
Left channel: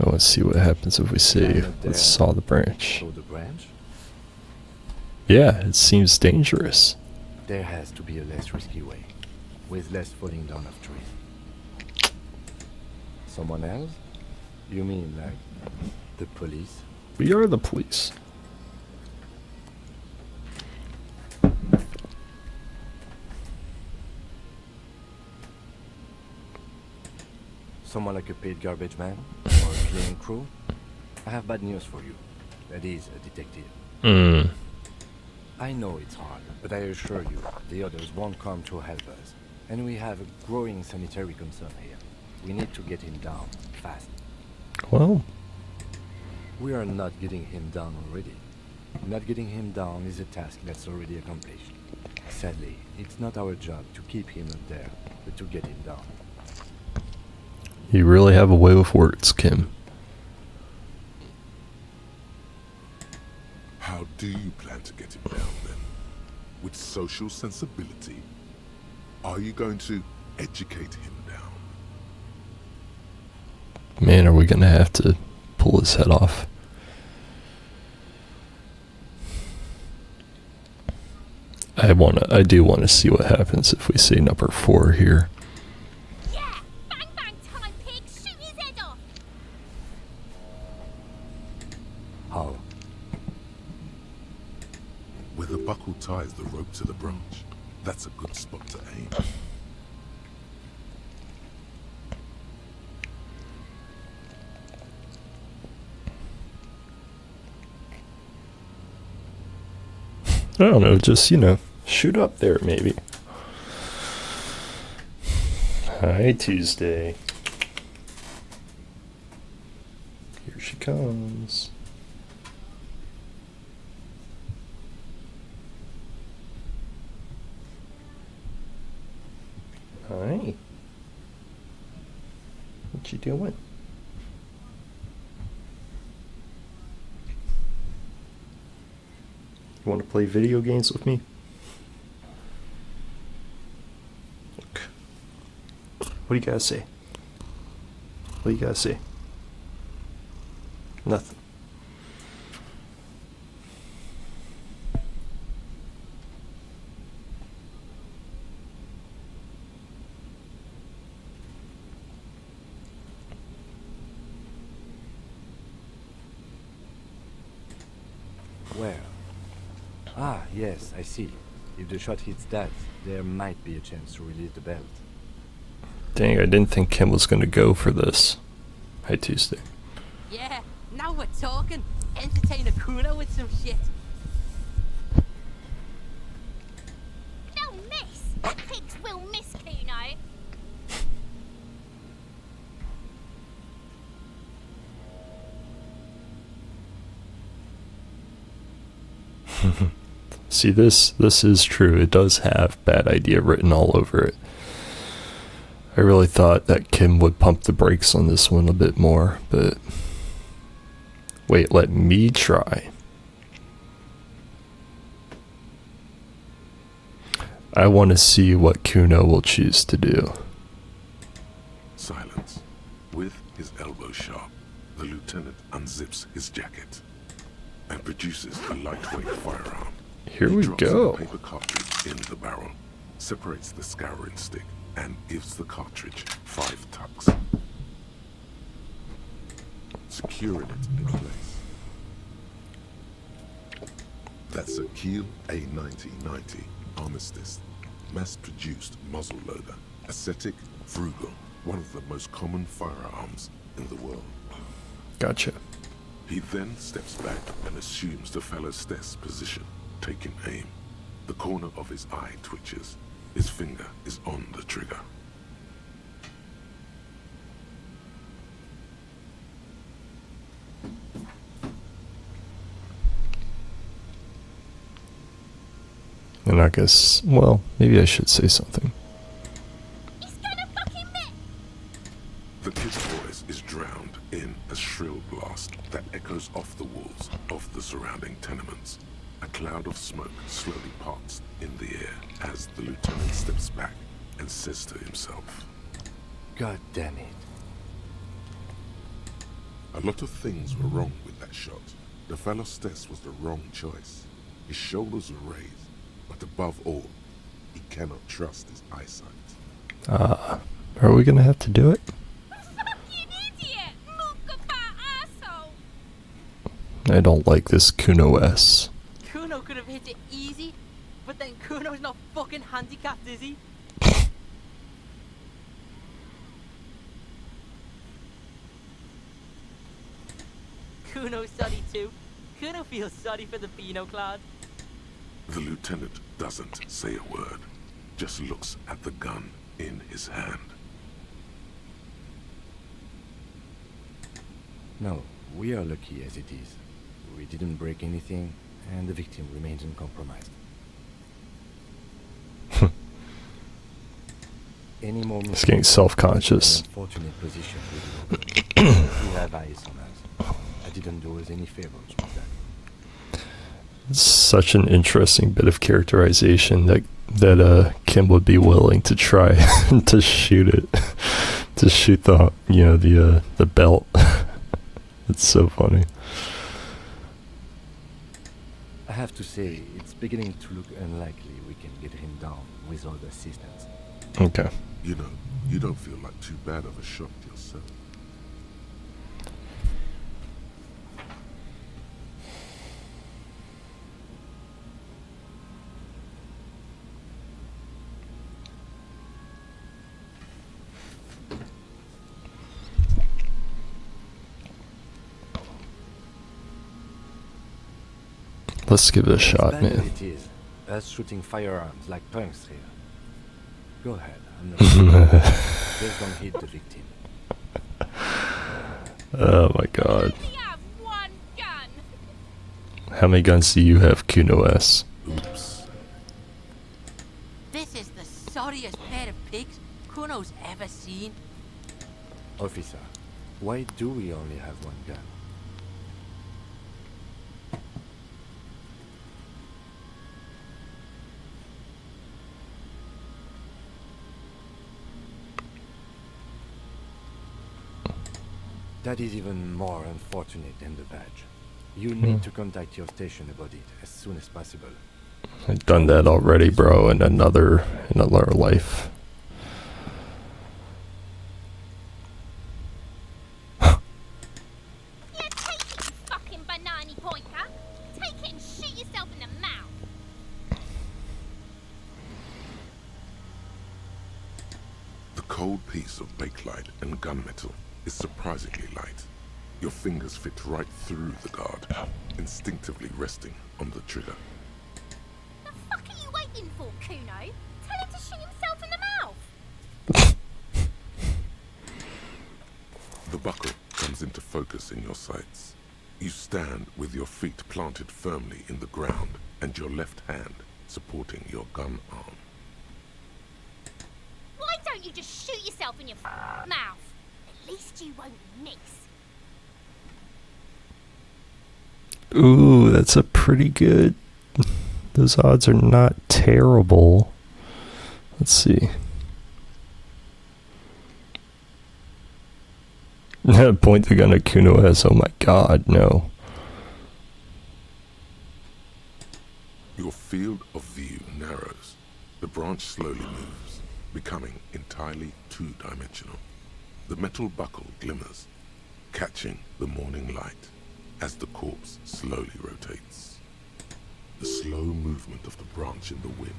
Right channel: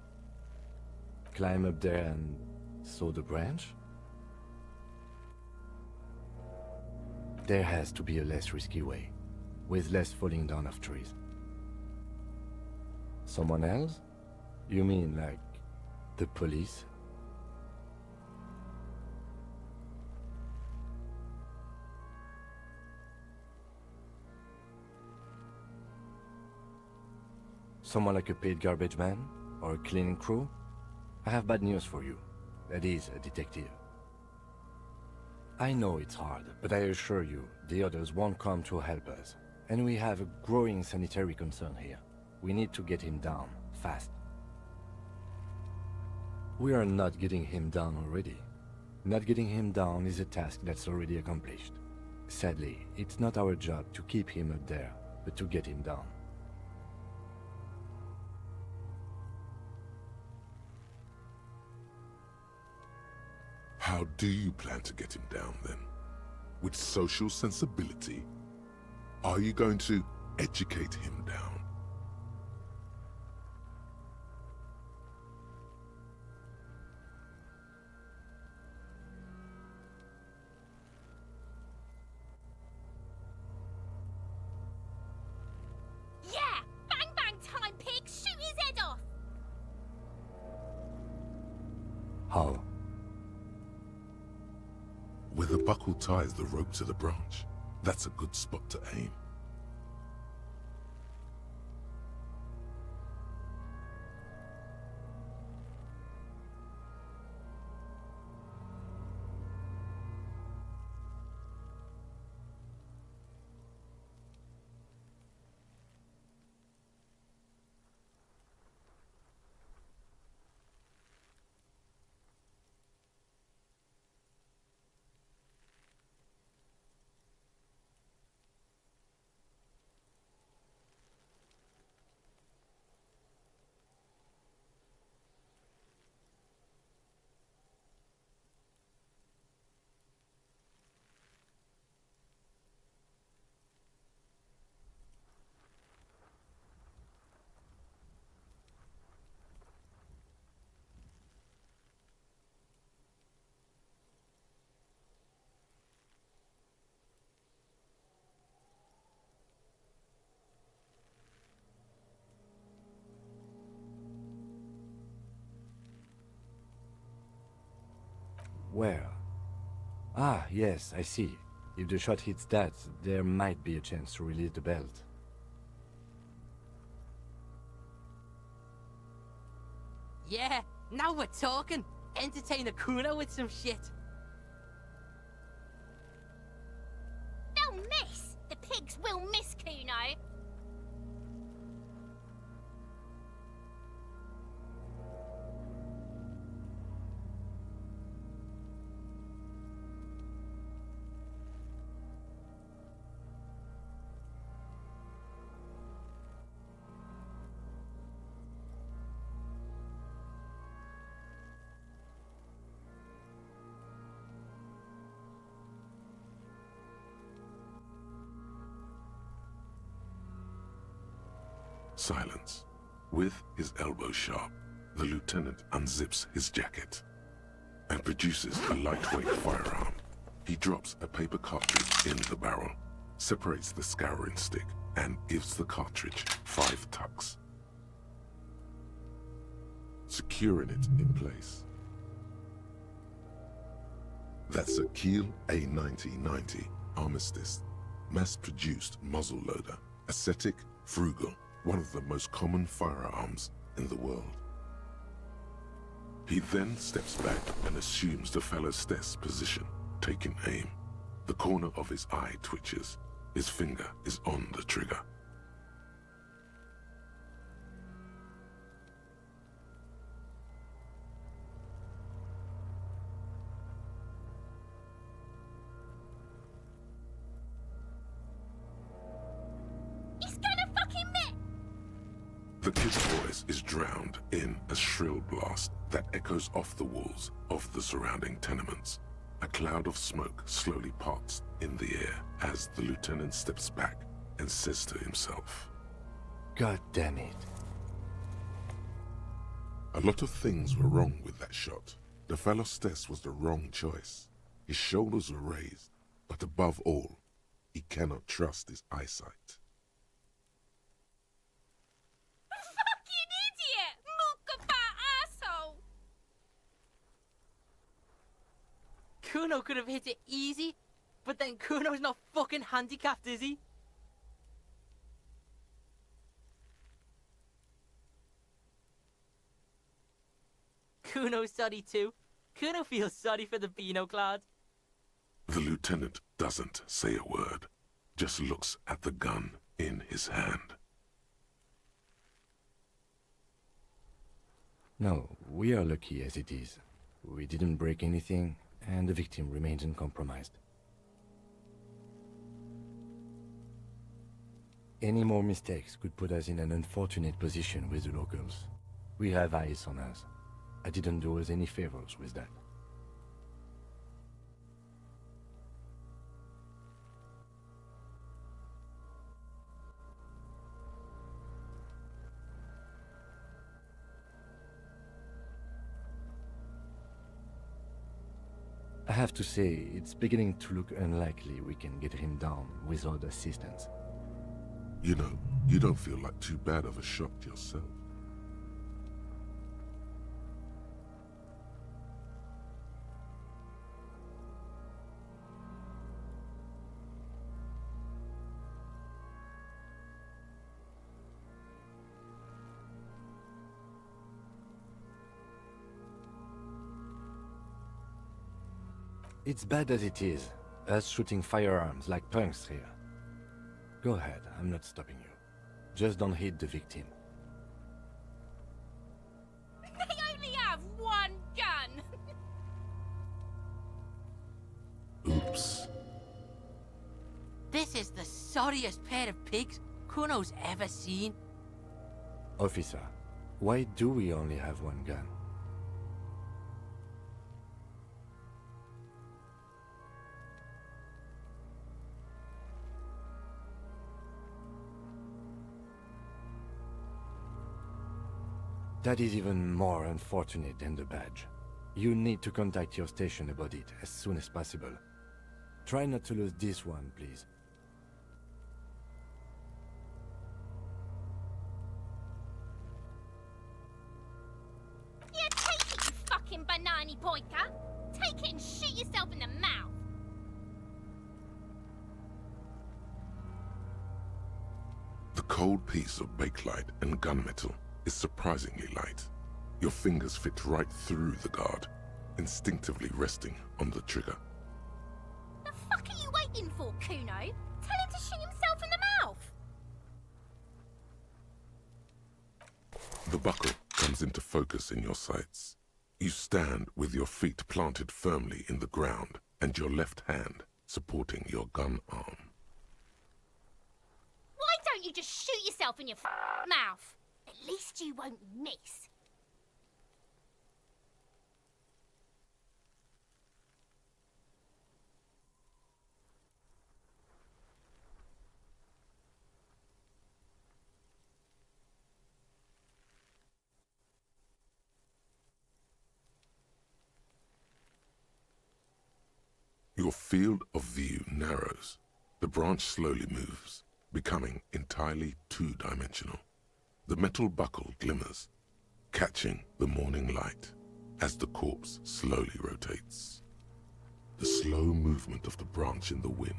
Let's see what happens if we say Climb up there let's saw the branch. So the branch? Yeah, it seems dangerous. There has to be a less risky way, with less falling down of trees. Someone else? You mean like the police? We are the police. Someone like a paid garbage man? Or a cleaning crew? I have bad news for you. That is a detective. I know it's hard, but I assure you, the others won't come to help us. And we have a growing sanitary concern here. We need to get him down, fast. Well, We are not getting him down already. Not getting him down is a task that's already accomplished. Sadly, it's not our job to keep him up there, but to get him down. you really have a way with words, Kim. How do you plan to get him down then? With social sensibility? Are you going to educate him down? Man, are we gonna have to pull his head off? I do wanna see what happens if we say number 4 here. Yeah! Bang bang time, pig! Shoot his head off! How? Where the buckle ties the rope to the branch. That's a good spot to aim. I don't know, just, shoot up there maybe. Hi, Tuesday. Here she comes. Hi. What you doing? You want to play video games with me? Look. What do you gotta say? What do you gotta say? Nothing. Where? Ah, yes, I see. If the shot hits that, there might be a chance to release the belt. Dang, I didn't think Kim was gonna go for this. Hi, Tuesday. Yeah, now we're talking. Entertain a Kuno with some shit. They'll miss! The pigs will miss Kuno! See, this is true. It does have bad idea written all over it. I really thought that Kim would pump the brakes on this one a bit more, but wait, let me try. I want to see what Kuno will choose to do. Silence. With his elbow sharp, the lieutenant unzips his jacket and produces a lightweight firearm. Here He we drops go. the paper cartridge in the barrel, separates the scouring stick, and gives the cartridge 5 tucks, securing it in place. That's a Kiel A9090 Armistice, mass-produced muzzleloader, ascetic, frugal, one of the most common firearms in the world. Gotcha. He then steps back and assumes the fellow's desk position, taking aim. The corner of his eye twitches. His finger is on the trigger. And I guess, well, maybe I should say something. He's gonna fucking miss! The kid's voice is drowned in a shrill blast that echoes off the walls of the surrounding tenements. A cloud of smoke slowly parts in the air as the lieutenant steps back and says to himself, God damn it. a lot of things were wrong with that shot. The fellow's desk was the wrong choice. His shoulders were raised, but above all, he cannot trust his eyesight. Are we gonna have to do it? Fucking idiot! Mookabat asshole! I don't like this Kuno S. Kuno could have hit it easy, but then Kuno's not fucking handicapped, is he? Kuno's sorry too. Kuno feels sorry for the Beano Cloud. The lieutenant doesn't say a word, just looks at the gun in his hand. No, we are lucky as it is. We didn't break anything, and the victim remains uncompromised. Any more He's getting mistakes, self-conscious. an unfortunate position with Logan. We have eyes on us. I didn't do us any favors with that. It's such an interesting bit of characterization that Kim would be willing to try to shoot it, to shoot the belt. It's so funny. I have to say, it's beginning to look unlikely we can get him down without assistance. Okay. You know, you don't feel like too bad of a shot yourself. Let's give it a shot, As bad as man. it is, us shooting firearms like punks here. Go ahead, I'm not just don't hit the victim. Oh my god. We only have one gun! How many guns do you have, Kuno S? Oops. This is the sorriest pair of pigs Kuno's ever seen. Officer, why do we only have one gun? That is even more unfortunate than the badge. You need to contact your station about it as soon as possible. I've done that already, bro, in another life. Yeah, take it, you fucking banana pointer! Take it and shoot yourself in the mouth! The cold piece of bakelite and gunmetal is surprisingly light. Your fingers fit right through the guard, instinctively resting on the trigger. The fuck are you waiting for, Kuno? Tell him to shoot himself in the mouth! The buckle comes into focus in your sights. You stand with your feet planted firmly in the ground and your left hand supporting your gun arm. Why don't you just shoot yourself in your mouth? At least you won't miss. Ooh, that's a pretty good. Those odds are not terrible. Let's see. Point the gun at Kuno S. Oh my god, no. Your field of view narrows. The branch slowly moves, becoming entirely two-dimensional. The metal buckle glimmers, catching the morning light as the corpse slowly rotates. The slow movement of the branch in the wind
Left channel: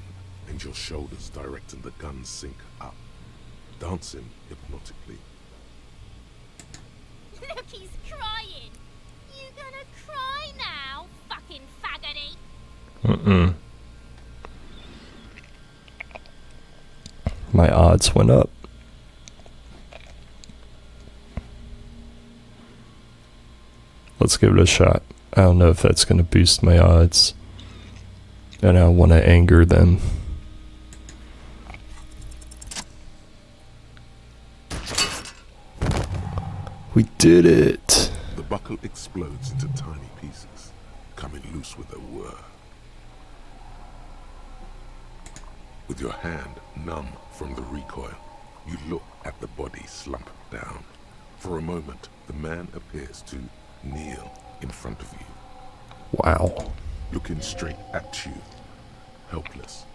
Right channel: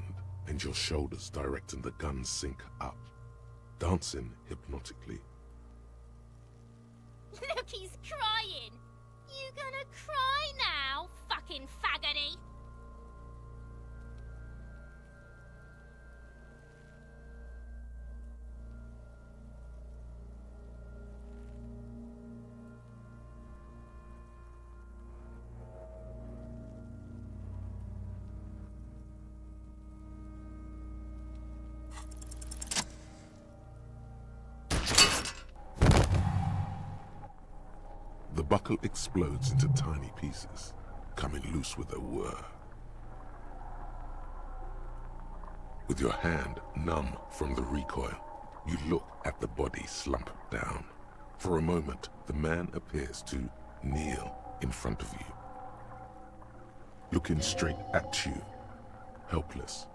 and your shoulders directing the gun sink up, dancing hypnotically. Look, he's crying! You My odds went up. Let's give it a shot. I don't know if that's going to boost my odds. And I want to anger them. We did it! The buckle explodes into tiny pieces, coming loose with a whir. With your hand numb from the recoil, you look at the body slump down. For a moment, the man appears to kneel in front of you. Wow. Looking straight at you, helpless,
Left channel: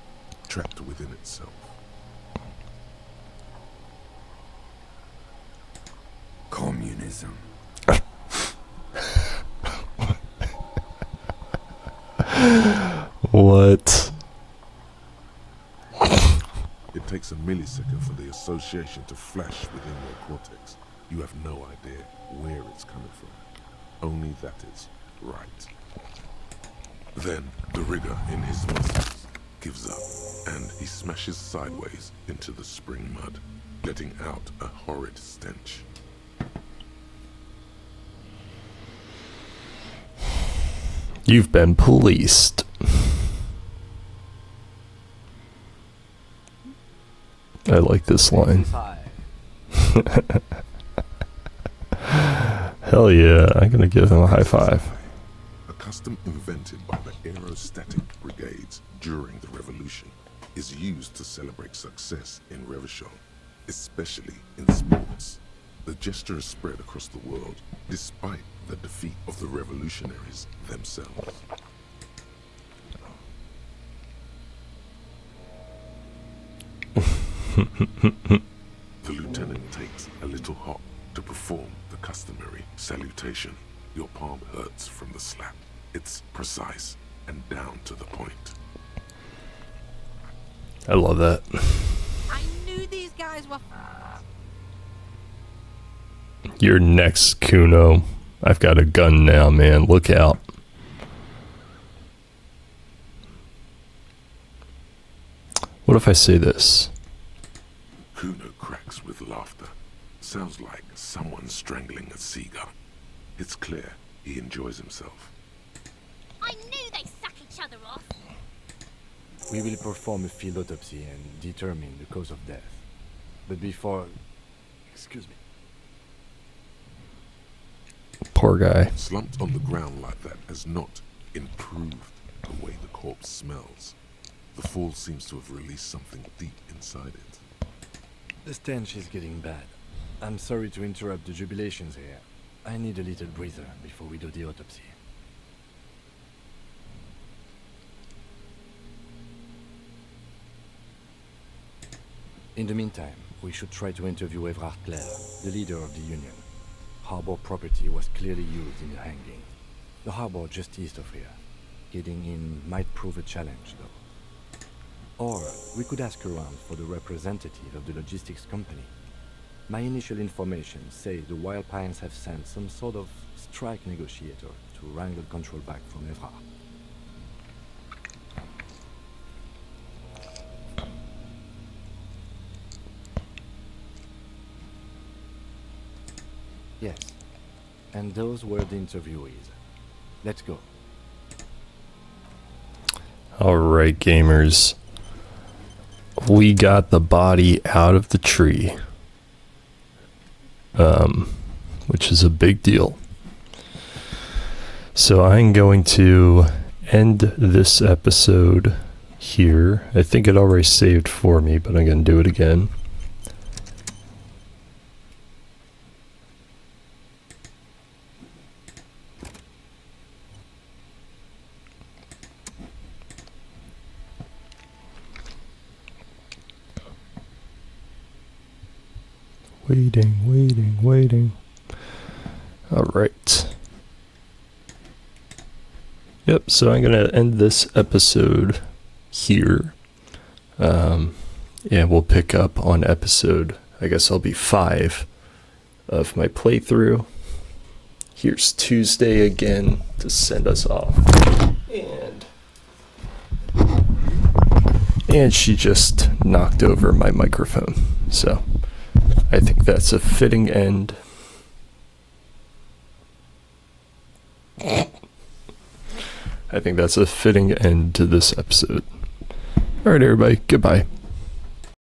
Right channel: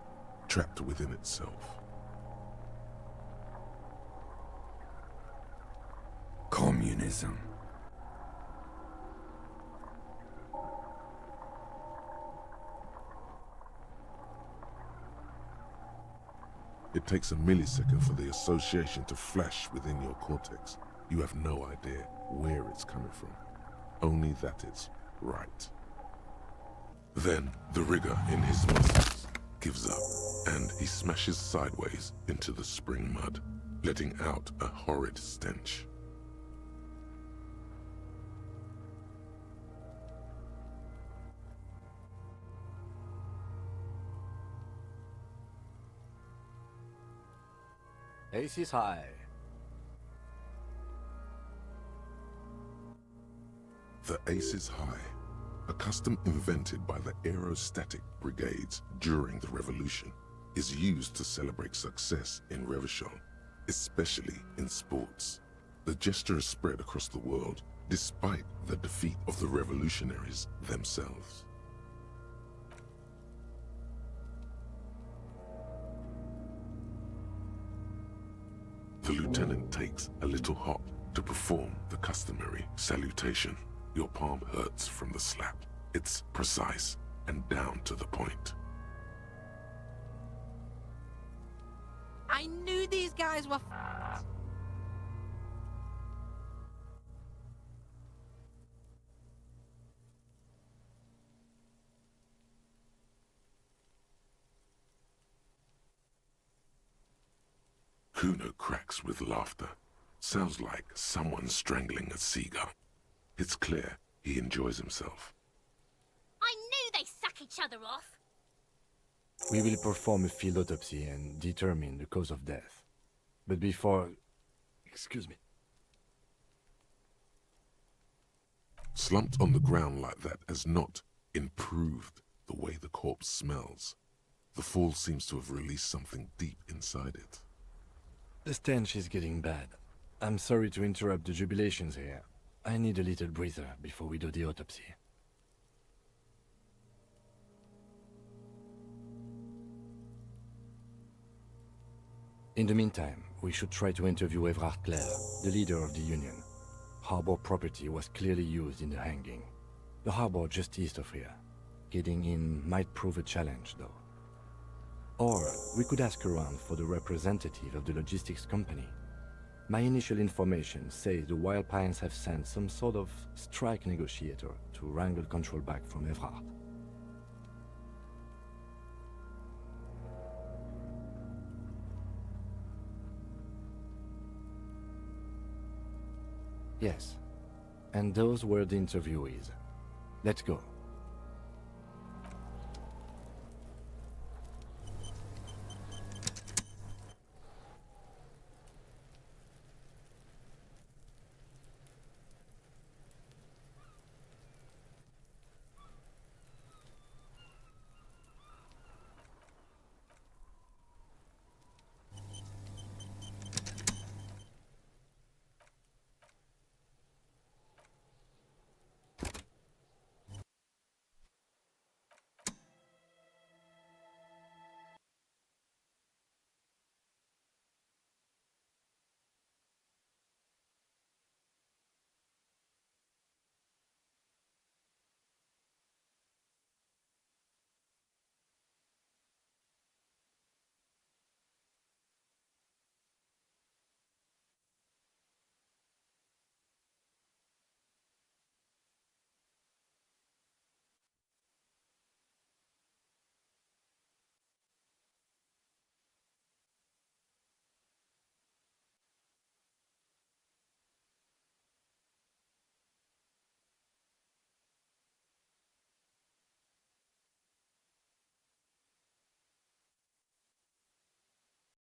trapped within itself. Communism. What? It takes a millisecond for the association to flash within your cortex. You have no idea where it's coming from, only that it's right. Then the rigor in his muscles gives up, and he smashes sideways into the spring mud, letting out a horrid stench. You've been policed. I like this line. Hell yeah, I'm gonna give him a high five. A custom invented by the aerostatic brigades during the revolution, is used to celebrate success in Revachol, especially in sports. The gesture is spread across the world, despite the defeat of the revolutionaries themselves. The lieutenant takes a little hop to perform the customary salutation. Your palm hurts from the slap. It's precise and down to the point. I love that. I knew these guys were. You're next, Kuno. I've got a gun now, man. Look out. What if I say this? Kuno cracks with laughter. Sounds like someone strangling a seagull. It's clear he enjoys himself. I knew they suck each other off. We will perform a field autopsy and determine the cause of death. But before... Excuse me. Poor guy. Slumped on the ground like that has not improved the way the corpse smells. The fall seems to have released something deep inside it. The stench is getting bad. I'm sorry to interrupt the jubilations here. I need a little breather before we do the autopsy. In the meantime, we should try to interview Everard Clare, the leader of the Union. Harbor property was clearly used in the hanging. The harbor just east of here. Getting in might prove a challenge, though. Or we could ask around for the representative of the logistics company. My initial information says the Wild Pines have sent some sort of strike negotiator to wrangle control back from Everard. Yes, and those were the interviewees. Let's go. Alright, gamers. We got the body out of the tree. Which is a big deal. So I'm going to end this episode here. I think it already saved for me, but I'm going to do it again. Waiting. Alright. Yep, so I'm going to end this episode here. And we'll pick up on episode, I guess I'll be 5 of my playthrough. Here's Tuesday again to send us off. And And she just knocked over my microphone. So I think that's a fitting end. I think that's a fitting end to this episode. Alright, everybody. Goodbye.